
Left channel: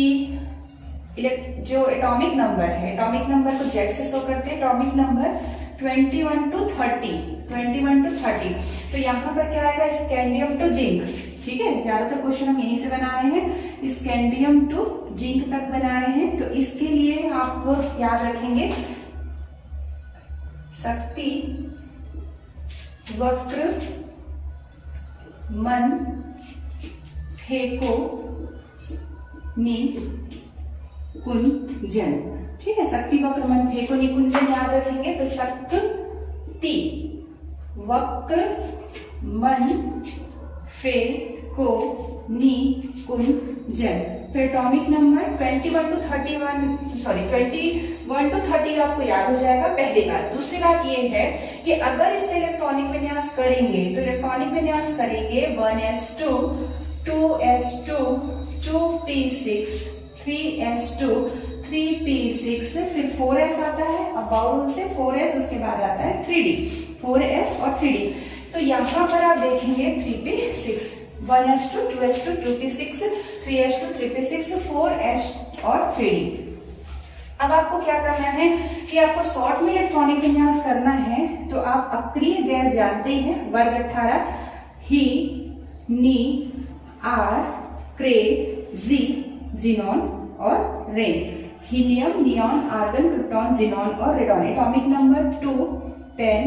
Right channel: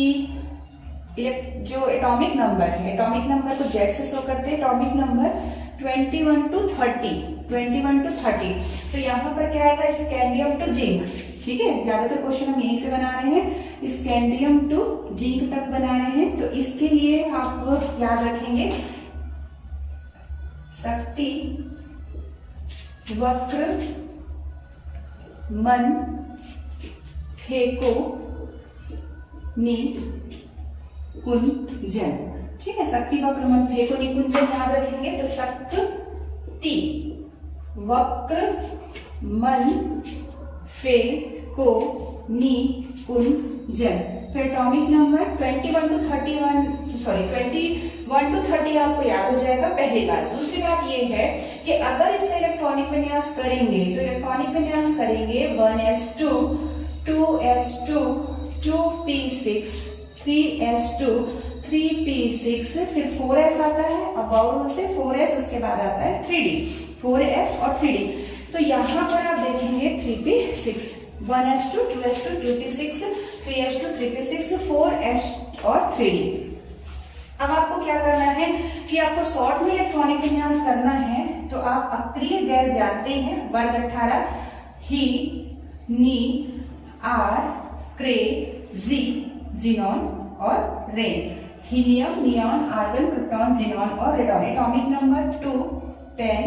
जो एटॉमिक नंबर है, एटॉमिक नंबर को जेड से शो करते हैं, एटॉमिक नंबर 21 to 30। तो यहाँ पर क्या आएगा, स्कैंडियम टू जिंक। ठीक है, ज्यादातर क्वेश्चन हम यहीं से बना रहे हैं, स्कैंडियम टू जिंक तक बना रहे हैं। तो इसके लिए आप याद रखेंगे शक्ति वक्र मन फेको निकुंजन। ठीक है, शक्ति वक्र मन फेको निकुंजन याद रखेंगे। तो शक्ति वक्र मन फेको निकुंजन। तो एटॉमिक नंबर 21 to 30 आपको याद हो जाएगा, पहली बात। दूसरी बात ये है कि अगर इसका इलेक्ट्रॉनिक विन्यास करेंगे तो इलेक्ट्रॉनिक विन्यास करेंगे 1s2 2s2 2p6 3s2 3p6, फिर 4s आता है, अब और से 4s, उसके बाद आता है 3d, 4s और 3d। तो यहाँ पर आप देखेंगे 3p6, 1s2 2s2 2p6 3s2 3p6 4s और 3d। अब आपको क्या करना है कि आपको शॉर्ट में इलेक्ट्रॉनिक विन्यास करना है। तो आप अक्रिय गैस जानते हैं, वर्ग 18 ही नी आर क्रे जी जिनॉन और रेन। Helium, neon, argon, krypton, xenon और रेडॉन। एटॉमिक नंबर 2 10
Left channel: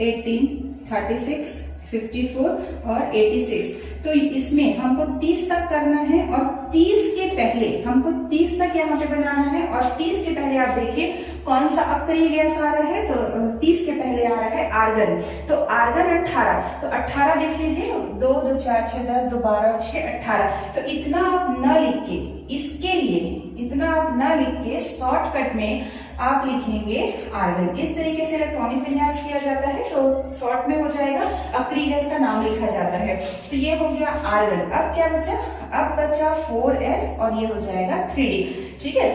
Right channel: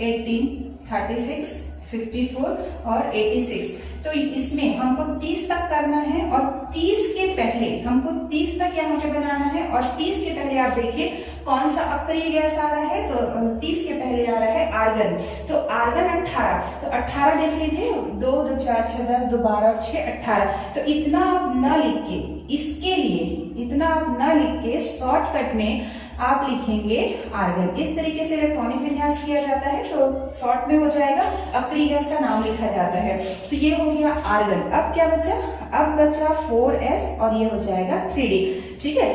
18 36 54 और 86। तो इसमें हमको 30 तक करना है और 30 के पहले हमको 30 तक यहाँ पे बनाना है। और 30 के पहले आप देखिए कौन सा अक्रिय गैस आ रहा है, तो 30 के पहले आ रहा है आर्गन। तो आर्गन 18, तो 18 देख लीजिए, 2 2 4 6 10 2 12 और 6 18। तो इतना आप न लिख के, इसके लिए इतना आप न लिख के शॉर्टकट में आप लिखेंगे आर्गन। इस तरीके से इलेक्ट्रॉनिक विन्यास किया जाता है, तो शॉर्ट में हो जाएगा, अक्रिय गैस का नाम लिखा जाता है। तो ये हो गया आर्गन। अब क्या बचा, अब बचा 4s और ये हो जाएगा 3d। ठीक है,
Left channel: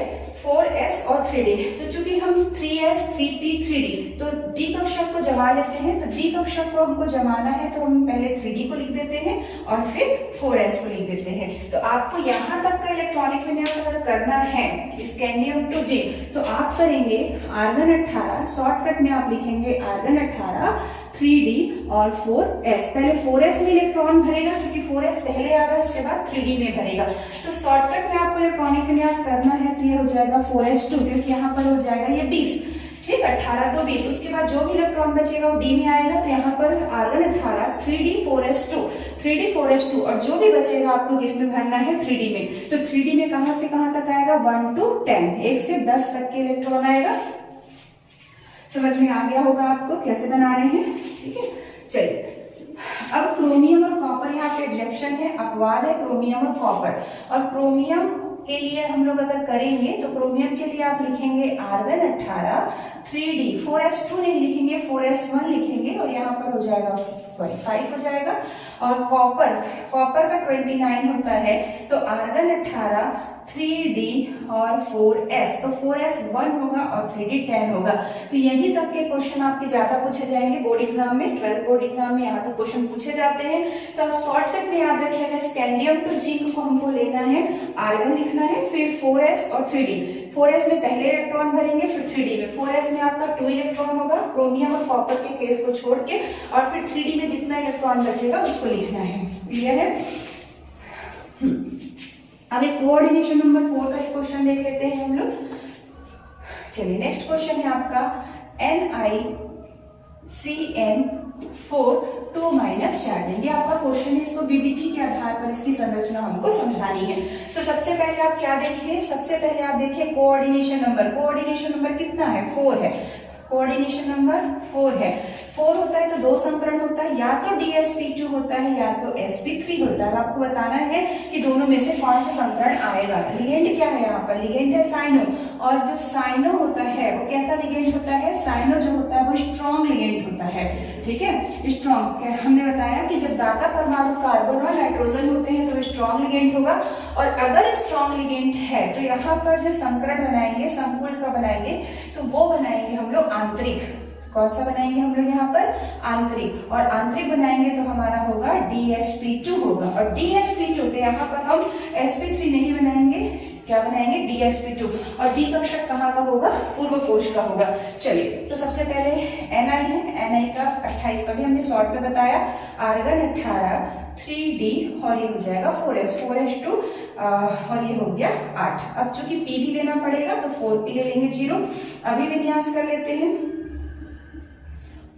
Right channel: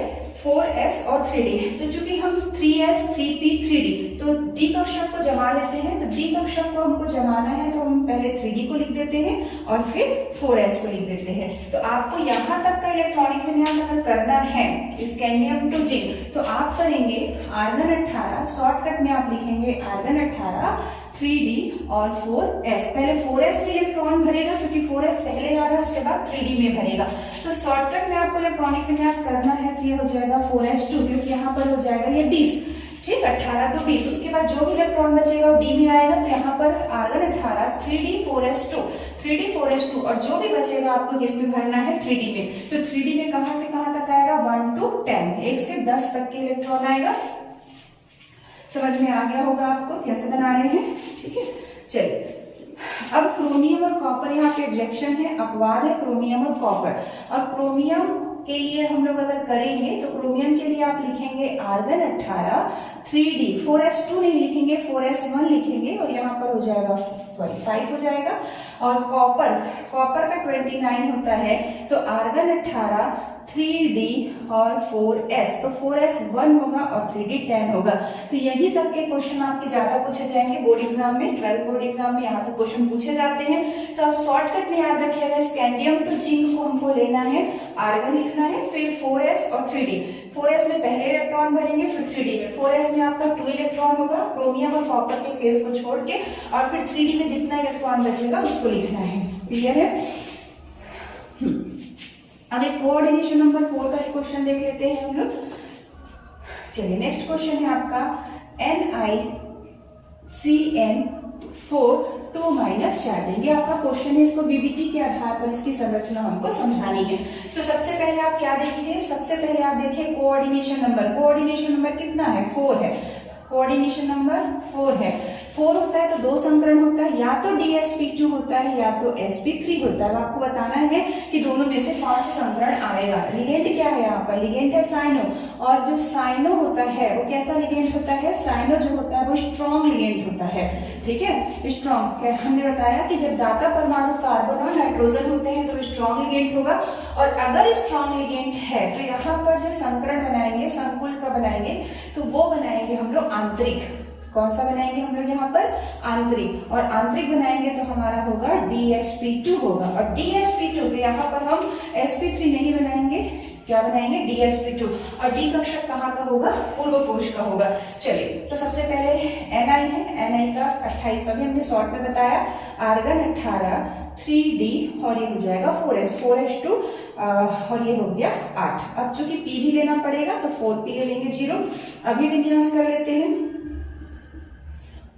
4s और 3d। तो चूंकि हम 3s 3p 3d, तो d कक्षक को जमा लेते हैं। तो d कक्षक को हमको जमाना है, तो हम पहले 3d को लिख देते हैं और फिर 4s को लिख देते हैं। तो आपको यहाँ तक का इलेक्ट्रॉनिक विन्यास अगर करना है स्कैंडियम टू जिंक, तो आप करेंगे आर्गन 18, शॉर्टकट में आप लिखेंगे आर्गन 18 3d और 4s। पहले 4s में इलेक्ट्रॉन भरेगा, क्योंकि 4s पहले आ रहा है, उसके बाद 3d में भरेगा। तो शॉर्टकट में आपको इलेक्ट्रॉनिक विन्यास करना है, तो ये हो जाएगा 4s2, क्योंकि यहाँ पर हो जाएगा ये 20। ठीक, 18 तो 20, उसके बाद जो भी इलेक्ट्रॉन बचेगा वो d में आएगा। तो यहाँ पर argon 18 3d 4s2 3d 4s2, और जो भी बचेगा आपको किसमें भरना है, 3d में। तो 3d में कहां से कहां तक आएगा, 1 to 10, 1 से 10 तक के इलेक्ट्रॉन आएगा। समझ में आ गया होगा आपको कैसे बना रहे हैं। ठीक है, चलिए अब क्रोमियम और कॉपर, यहाँ पे रिएक्शन है, अपवाद है क्रोमियम और कॉपर। और क्रोमियम के लिए हम लोग अगर करेंगे तो क्रोमियम के लिए आप लिखेंगे आर्गन 18 3d, 4s2 नहीं लिखेंगे, 4s1 लिखेंगे, और यहाँ पर हो जाएगा 5 हो जाएगा। और कॉपर का 29 होता है, तो आर्गन 18 3d और 4s, तो 4s1 होगा और 3d 10 होगा। तो यही तक के क्वेश्चन आपके ज्यादा पूछे जाएंगे बोर्ड एग्जाम में, 12 बोर्ड एग्जाम में यहाँ तक क्वेश्चन पूछे जाते हैं। तो आप शॉर्टकट में याद रखिएगा, स्कैंडियम टू जिंक को हमको लेना है, आर्गन लिखना है, फिर 4s और 3d। 4s में पहले इलेक्ट्रॉन भरेंगे, फिर 3d में। 4s में आपका 2 इलेक्ट्रॉन होगा क्रोमियम और कॉपर के केस को छोड़ के, और फिर 3d में जितना इलेक्ट्रॉन बचेगा उसको लिखना है। क्लियर है। अब एक कोऑर्डिनेशन नंबर 4 का क्वेश्चन देख लेते हैं हम लोग। चलिए नेक्स्ट क्वेश्चन है आपका NiCN4 2- चार्ज। ये आपका क्वेश्चन है, इसको बीबीटी के आधार पर इसकी संरचना हमको समझानी है। तो सबसे पहले आप क्या देखिए, सबसे पहले आप देखिए कोऑर्डिनेशन नंबर। कोऑर्डिनेशन नंबर कितना है, 4 है। कोऑर्डिनेशन नंबर 4 है। 4 होता है तो 2 संकरण होता है, या तो DsP2 होता है या तो sp3 होता है। आपको बताना है कि दोनों में से कौन सा संकरण आएगा। लिगेंड क्या है यहाँ पर, लिगेंड है साइनो, और जो साइनो होता है वो कैसा लिगेंड होता है, साइनो जो होता है वो स्ट्रॉन्ग लिगेंड होता है, ठीक है, स्ट्रॉन्ग। हमने बताया कि जब दाता परमाणु कार्बन और नाइट्रोजन होते हैं तो स्ट्रॉन्ग लिगेंड होगा, और अगर स्ट्रॉन्ग लिगेंड है तो यहाँ पर जो संकरण बनाएंगे, संकुल का बनाएंगे, तो वो बनाएंगे हम लोग आंतरिक। कौन सा बनाएंगे हम लोग यहाँ पर, आंतरिक, और आंतरिक बनाएंगे तो हमारा होगा DsP2 होगा, और DsP2 तो यहाँ पर हम sp3 नहीं बनाएंगे, क्या बनाएंगे, DsP2, और D का अक्षर कहाँ का होगा, पूर्व कोश का होगा। चलिए, तो सबसे पहले Ni है, Ni का 28 का भी हमने शॉर्ट में बताया, आर्गन 18, 3D, और ये हो जाएगा 4s2 और ये हो गया 8। अब चूंकि P भी लेना पड़ेगा तो 4P ले लेंगे 0। अभी विन्यास कर लेते हैं,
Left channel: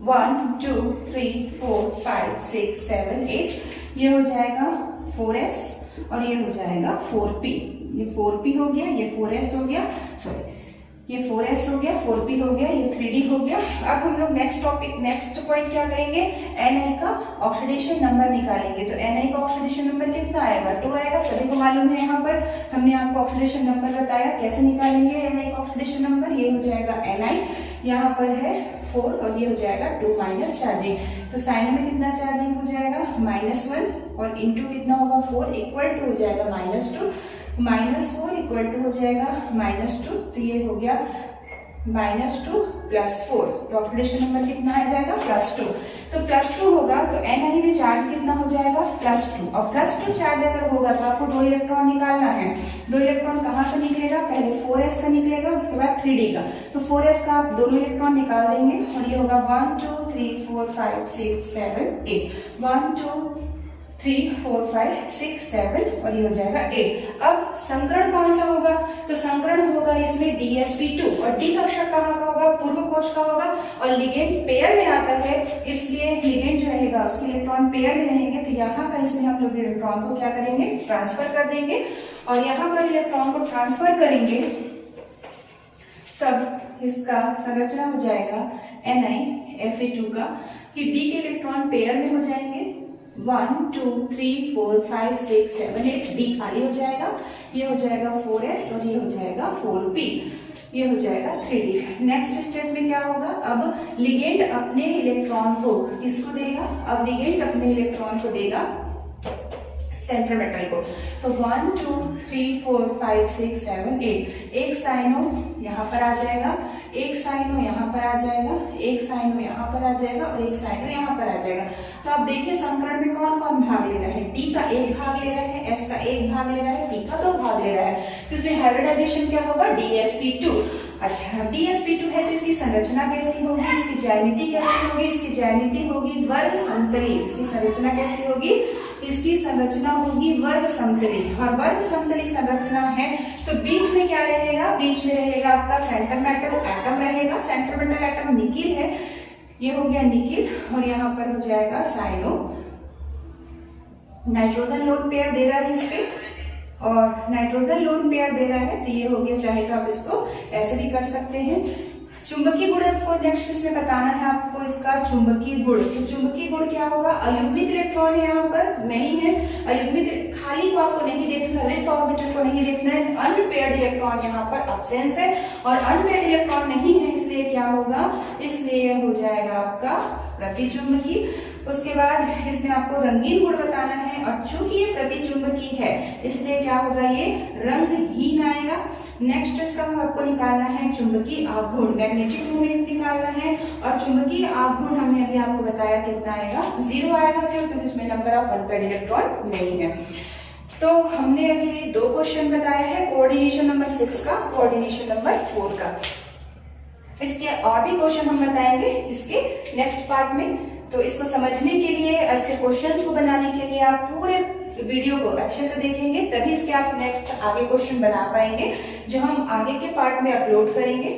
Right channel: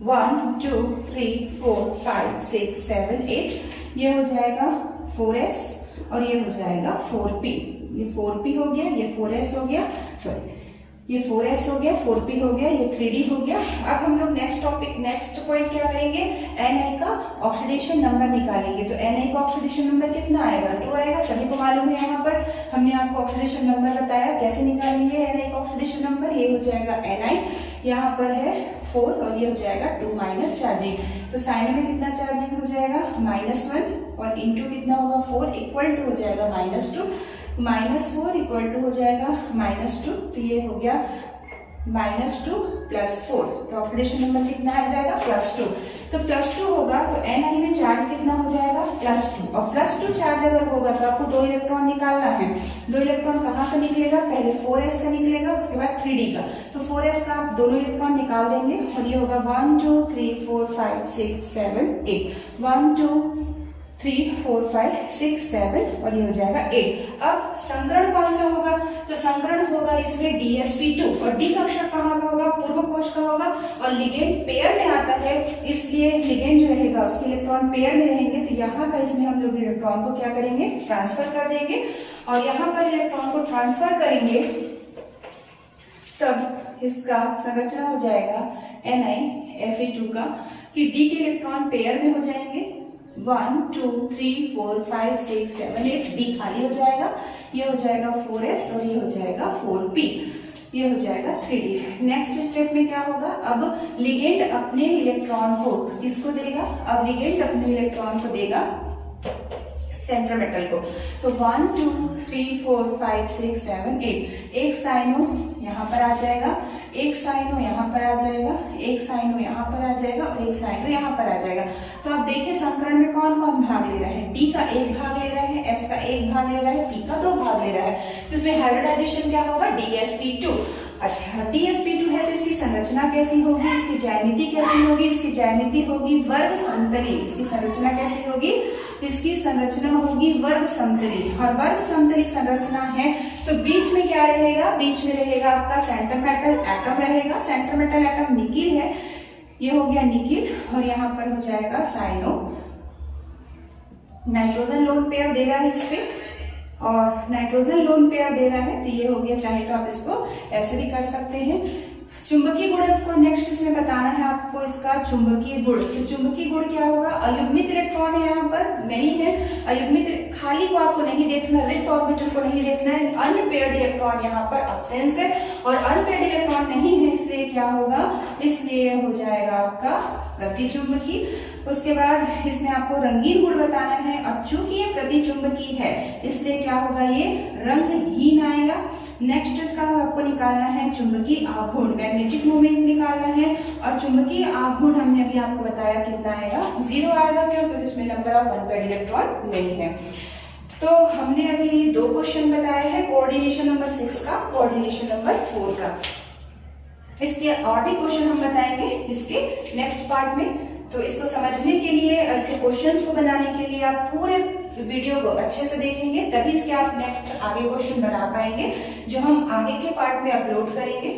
1 2 3 4 5 6 7 8, ये हो जाएगा 4s और ये हो जाएगा 4p। ये 4p हो गया, ये 4s हो गया, सॉरी ये 4s हो गया, 4p हो गया, ये 3d हो गया। अब हम लोग नेक्स्ट टॉपिक, नेक्स्ट पॉइंट क्या करेंगे, Ni का ऑक्सीडेशन नंबर निकालेंगे। तो Ni का ऑक्सीडेशन नंबर कितना आएगा, 2 आएगा, सभी को मालूम है। यहाँ पर हमने आपको ऑक्सीडेशन नंबर बताया, कैसे निकालेंगे Ni का ऑक्सीडेशन नंबर। ये हो जाएगा Ni, यहाँ पर है 4 और ये हो जाएगा 2 माइनस चार्जिंग। तो साइन में कितना चार्जिंग हो जाएगा, -1, और इंटू कितना होगा 4 इक्वल टू हो जाएगा -2, -4 इक्वल टू हो जाएगा -2, तो ये हो गया -2 + 4, तो ऑक्सीडेशन नंबर कितना आ जाएगा, +2। तो +2 होगा तो Ni में चार्ज कितना हो जाएगा, +2, और +2 चार्ज अगर होगा तो आपको 2 इलेक्ट्रॉन निकालना है। 2 इलेक्ट्रॉन कहाँ से निकलेगा, पहले 4s का निकलेगा, उसके बाद 3d का। तो 4s का आप दोनों इलेक्ट्रॉन निकाल देंगे और ये होगा 1 2 3 4 5 6 7 8, 1 2 3 4 5 6 7 और ये हो जाएगा 8। अब संकरण कौन सा होगा, तो संकरण होगा इसमें DsP2, और D का अक्षर कहाँ का होगा, पूर्व कोश का होगा, और लिगेंड पेयर में आता है, इसलिए लिगेंड जो रहेगा उसके इलेक्ट्रॉन पेयर में रहेंगे। तो यहाँ का इसमें हम लोग इलेक्ट्रॉन को क्या करेंगे, ट्रांसफर कर देंगे, और यहाँ पर इलेक्ट्रॉन को ट्रांसफर करेंगे तब इसका संरचना हो जाएगा NiFe2 का, कि D के इलेक्ट्रॉन पेयर में हो जाएंगे, 1 2 3 4 5 6 7 8, D खाली हो जाएगा, ये हो जाएगा 4s और ये हो जाएगा 4p, ये हो जाएगा 3d। नेक्स्ट स्टेप में क्या होगा, अब लिगेंड अपने इलेक्ट्रॉन को किसको देगा, अब लिगेंड अपने इलेक्ट्रॉन को देगा सेंट्रल मेटल को। तो 1 2 3 4 5 6 7 8, एक साइनो यहाँ पर आ जाएगा, एक साइनो यहाँ पर आ जाएगा, एक साइनो यहाँ पर आ जाएगा, और एक साइनो यहाँ पर आ जाएगा। तो आप देखिए संकरण में कौन कौन भाग ले रहा है, D का 1 भाग ले रहा है, S का 1 भाग ले रहा है, P का 2 भाग ले रहा है। तो इसमें हाइब्रिडाइजेशन क्या होगा, DsP2। अच्छा, DsP2 है तो इसकी संरचना कैसी होगी, इसकी ज्यामिति कैसी होगी, इसकी ज्यामिति होगी वर्ग समतली। इसकी संरचना कैसी होगी, इसकी संरचना होगी वर्ग समतली, और वर्ग समतली संरचना है तो बीच में क्या रहेगा, बीच में रहेगा आपका सेंट्रल मेटल एटम रहेगा। सेंट्रल मेटल एटम निकिल है, ये हो गया निकिल, और यहाँ पर हो जाएगा साइनो। नाइट्रोजन लोन पेयर दे रहा है इस पे, और नाइट्रोजन लोन पेयर दे रहा है, तो ये हो गया, चाहे तो आप इसको ऐसे भी कर सकते हैं। चुंबकीय गुण आपको नेक्स्ट इसमें बताना है आपको इसका चुंबकीय गुण। तो चुंबकीय गुण क्या होगा, अयुग्मित इलेक्ट्रॉन है यहाँ पर नहीं है, अयुग्मित खाली को आपको नहीं देखना, रिक्त ऑर्बिटल को नहीं देखना है, अनपेयर्ड इलेक्ट्रॉन यहाँ पर अब्सेंस है, और अनपेयर्ड इलेक्ट्रॉन नहीं है, इसलिए क्या होगा, इसलिए हो जाएगा आपका प्रतिचुंबकी। उसके बाद इसमें आपको रंगीन गुण बताना है, और चूंकि ये प्रतिचुंबकी है इसलिए क्या होगा, ये रंगहीन आएगा। नेक्स्ट इसका आपको निकालना है चुंबकीय आघूर्ण, मैग्नेटिक मोमेंट निकालना है, और चुंबकीय आघूर्ण हमने अभी आपको बताया कितना आएगा, 0 आएगा, क्योंकि इसमें नंबर ऑफ अनपेयर्ड इलेक्ट्रॉन नहीं है। तो हमने अभी 2 क्वेश्चन बताया है, कोऑर्डिनेशन नंबर 6 का, कोऑर्डिनेशन नंबर 4 का। इसके और भी क्वेश्चन हम बताएंगे इसके नेक्स्ट पार्ट में। तो इसको समझने के लिए, ऐसे क्वेश्चंस को बनाने के लिए आप पूरे वीडियो को अच्छे से देखेंगे, तभी इसके आप नेक्स्ट आगे क्वेश्चन बना पाएंगे, जो हम आगे के पार्ट में अपलोड करेंगे।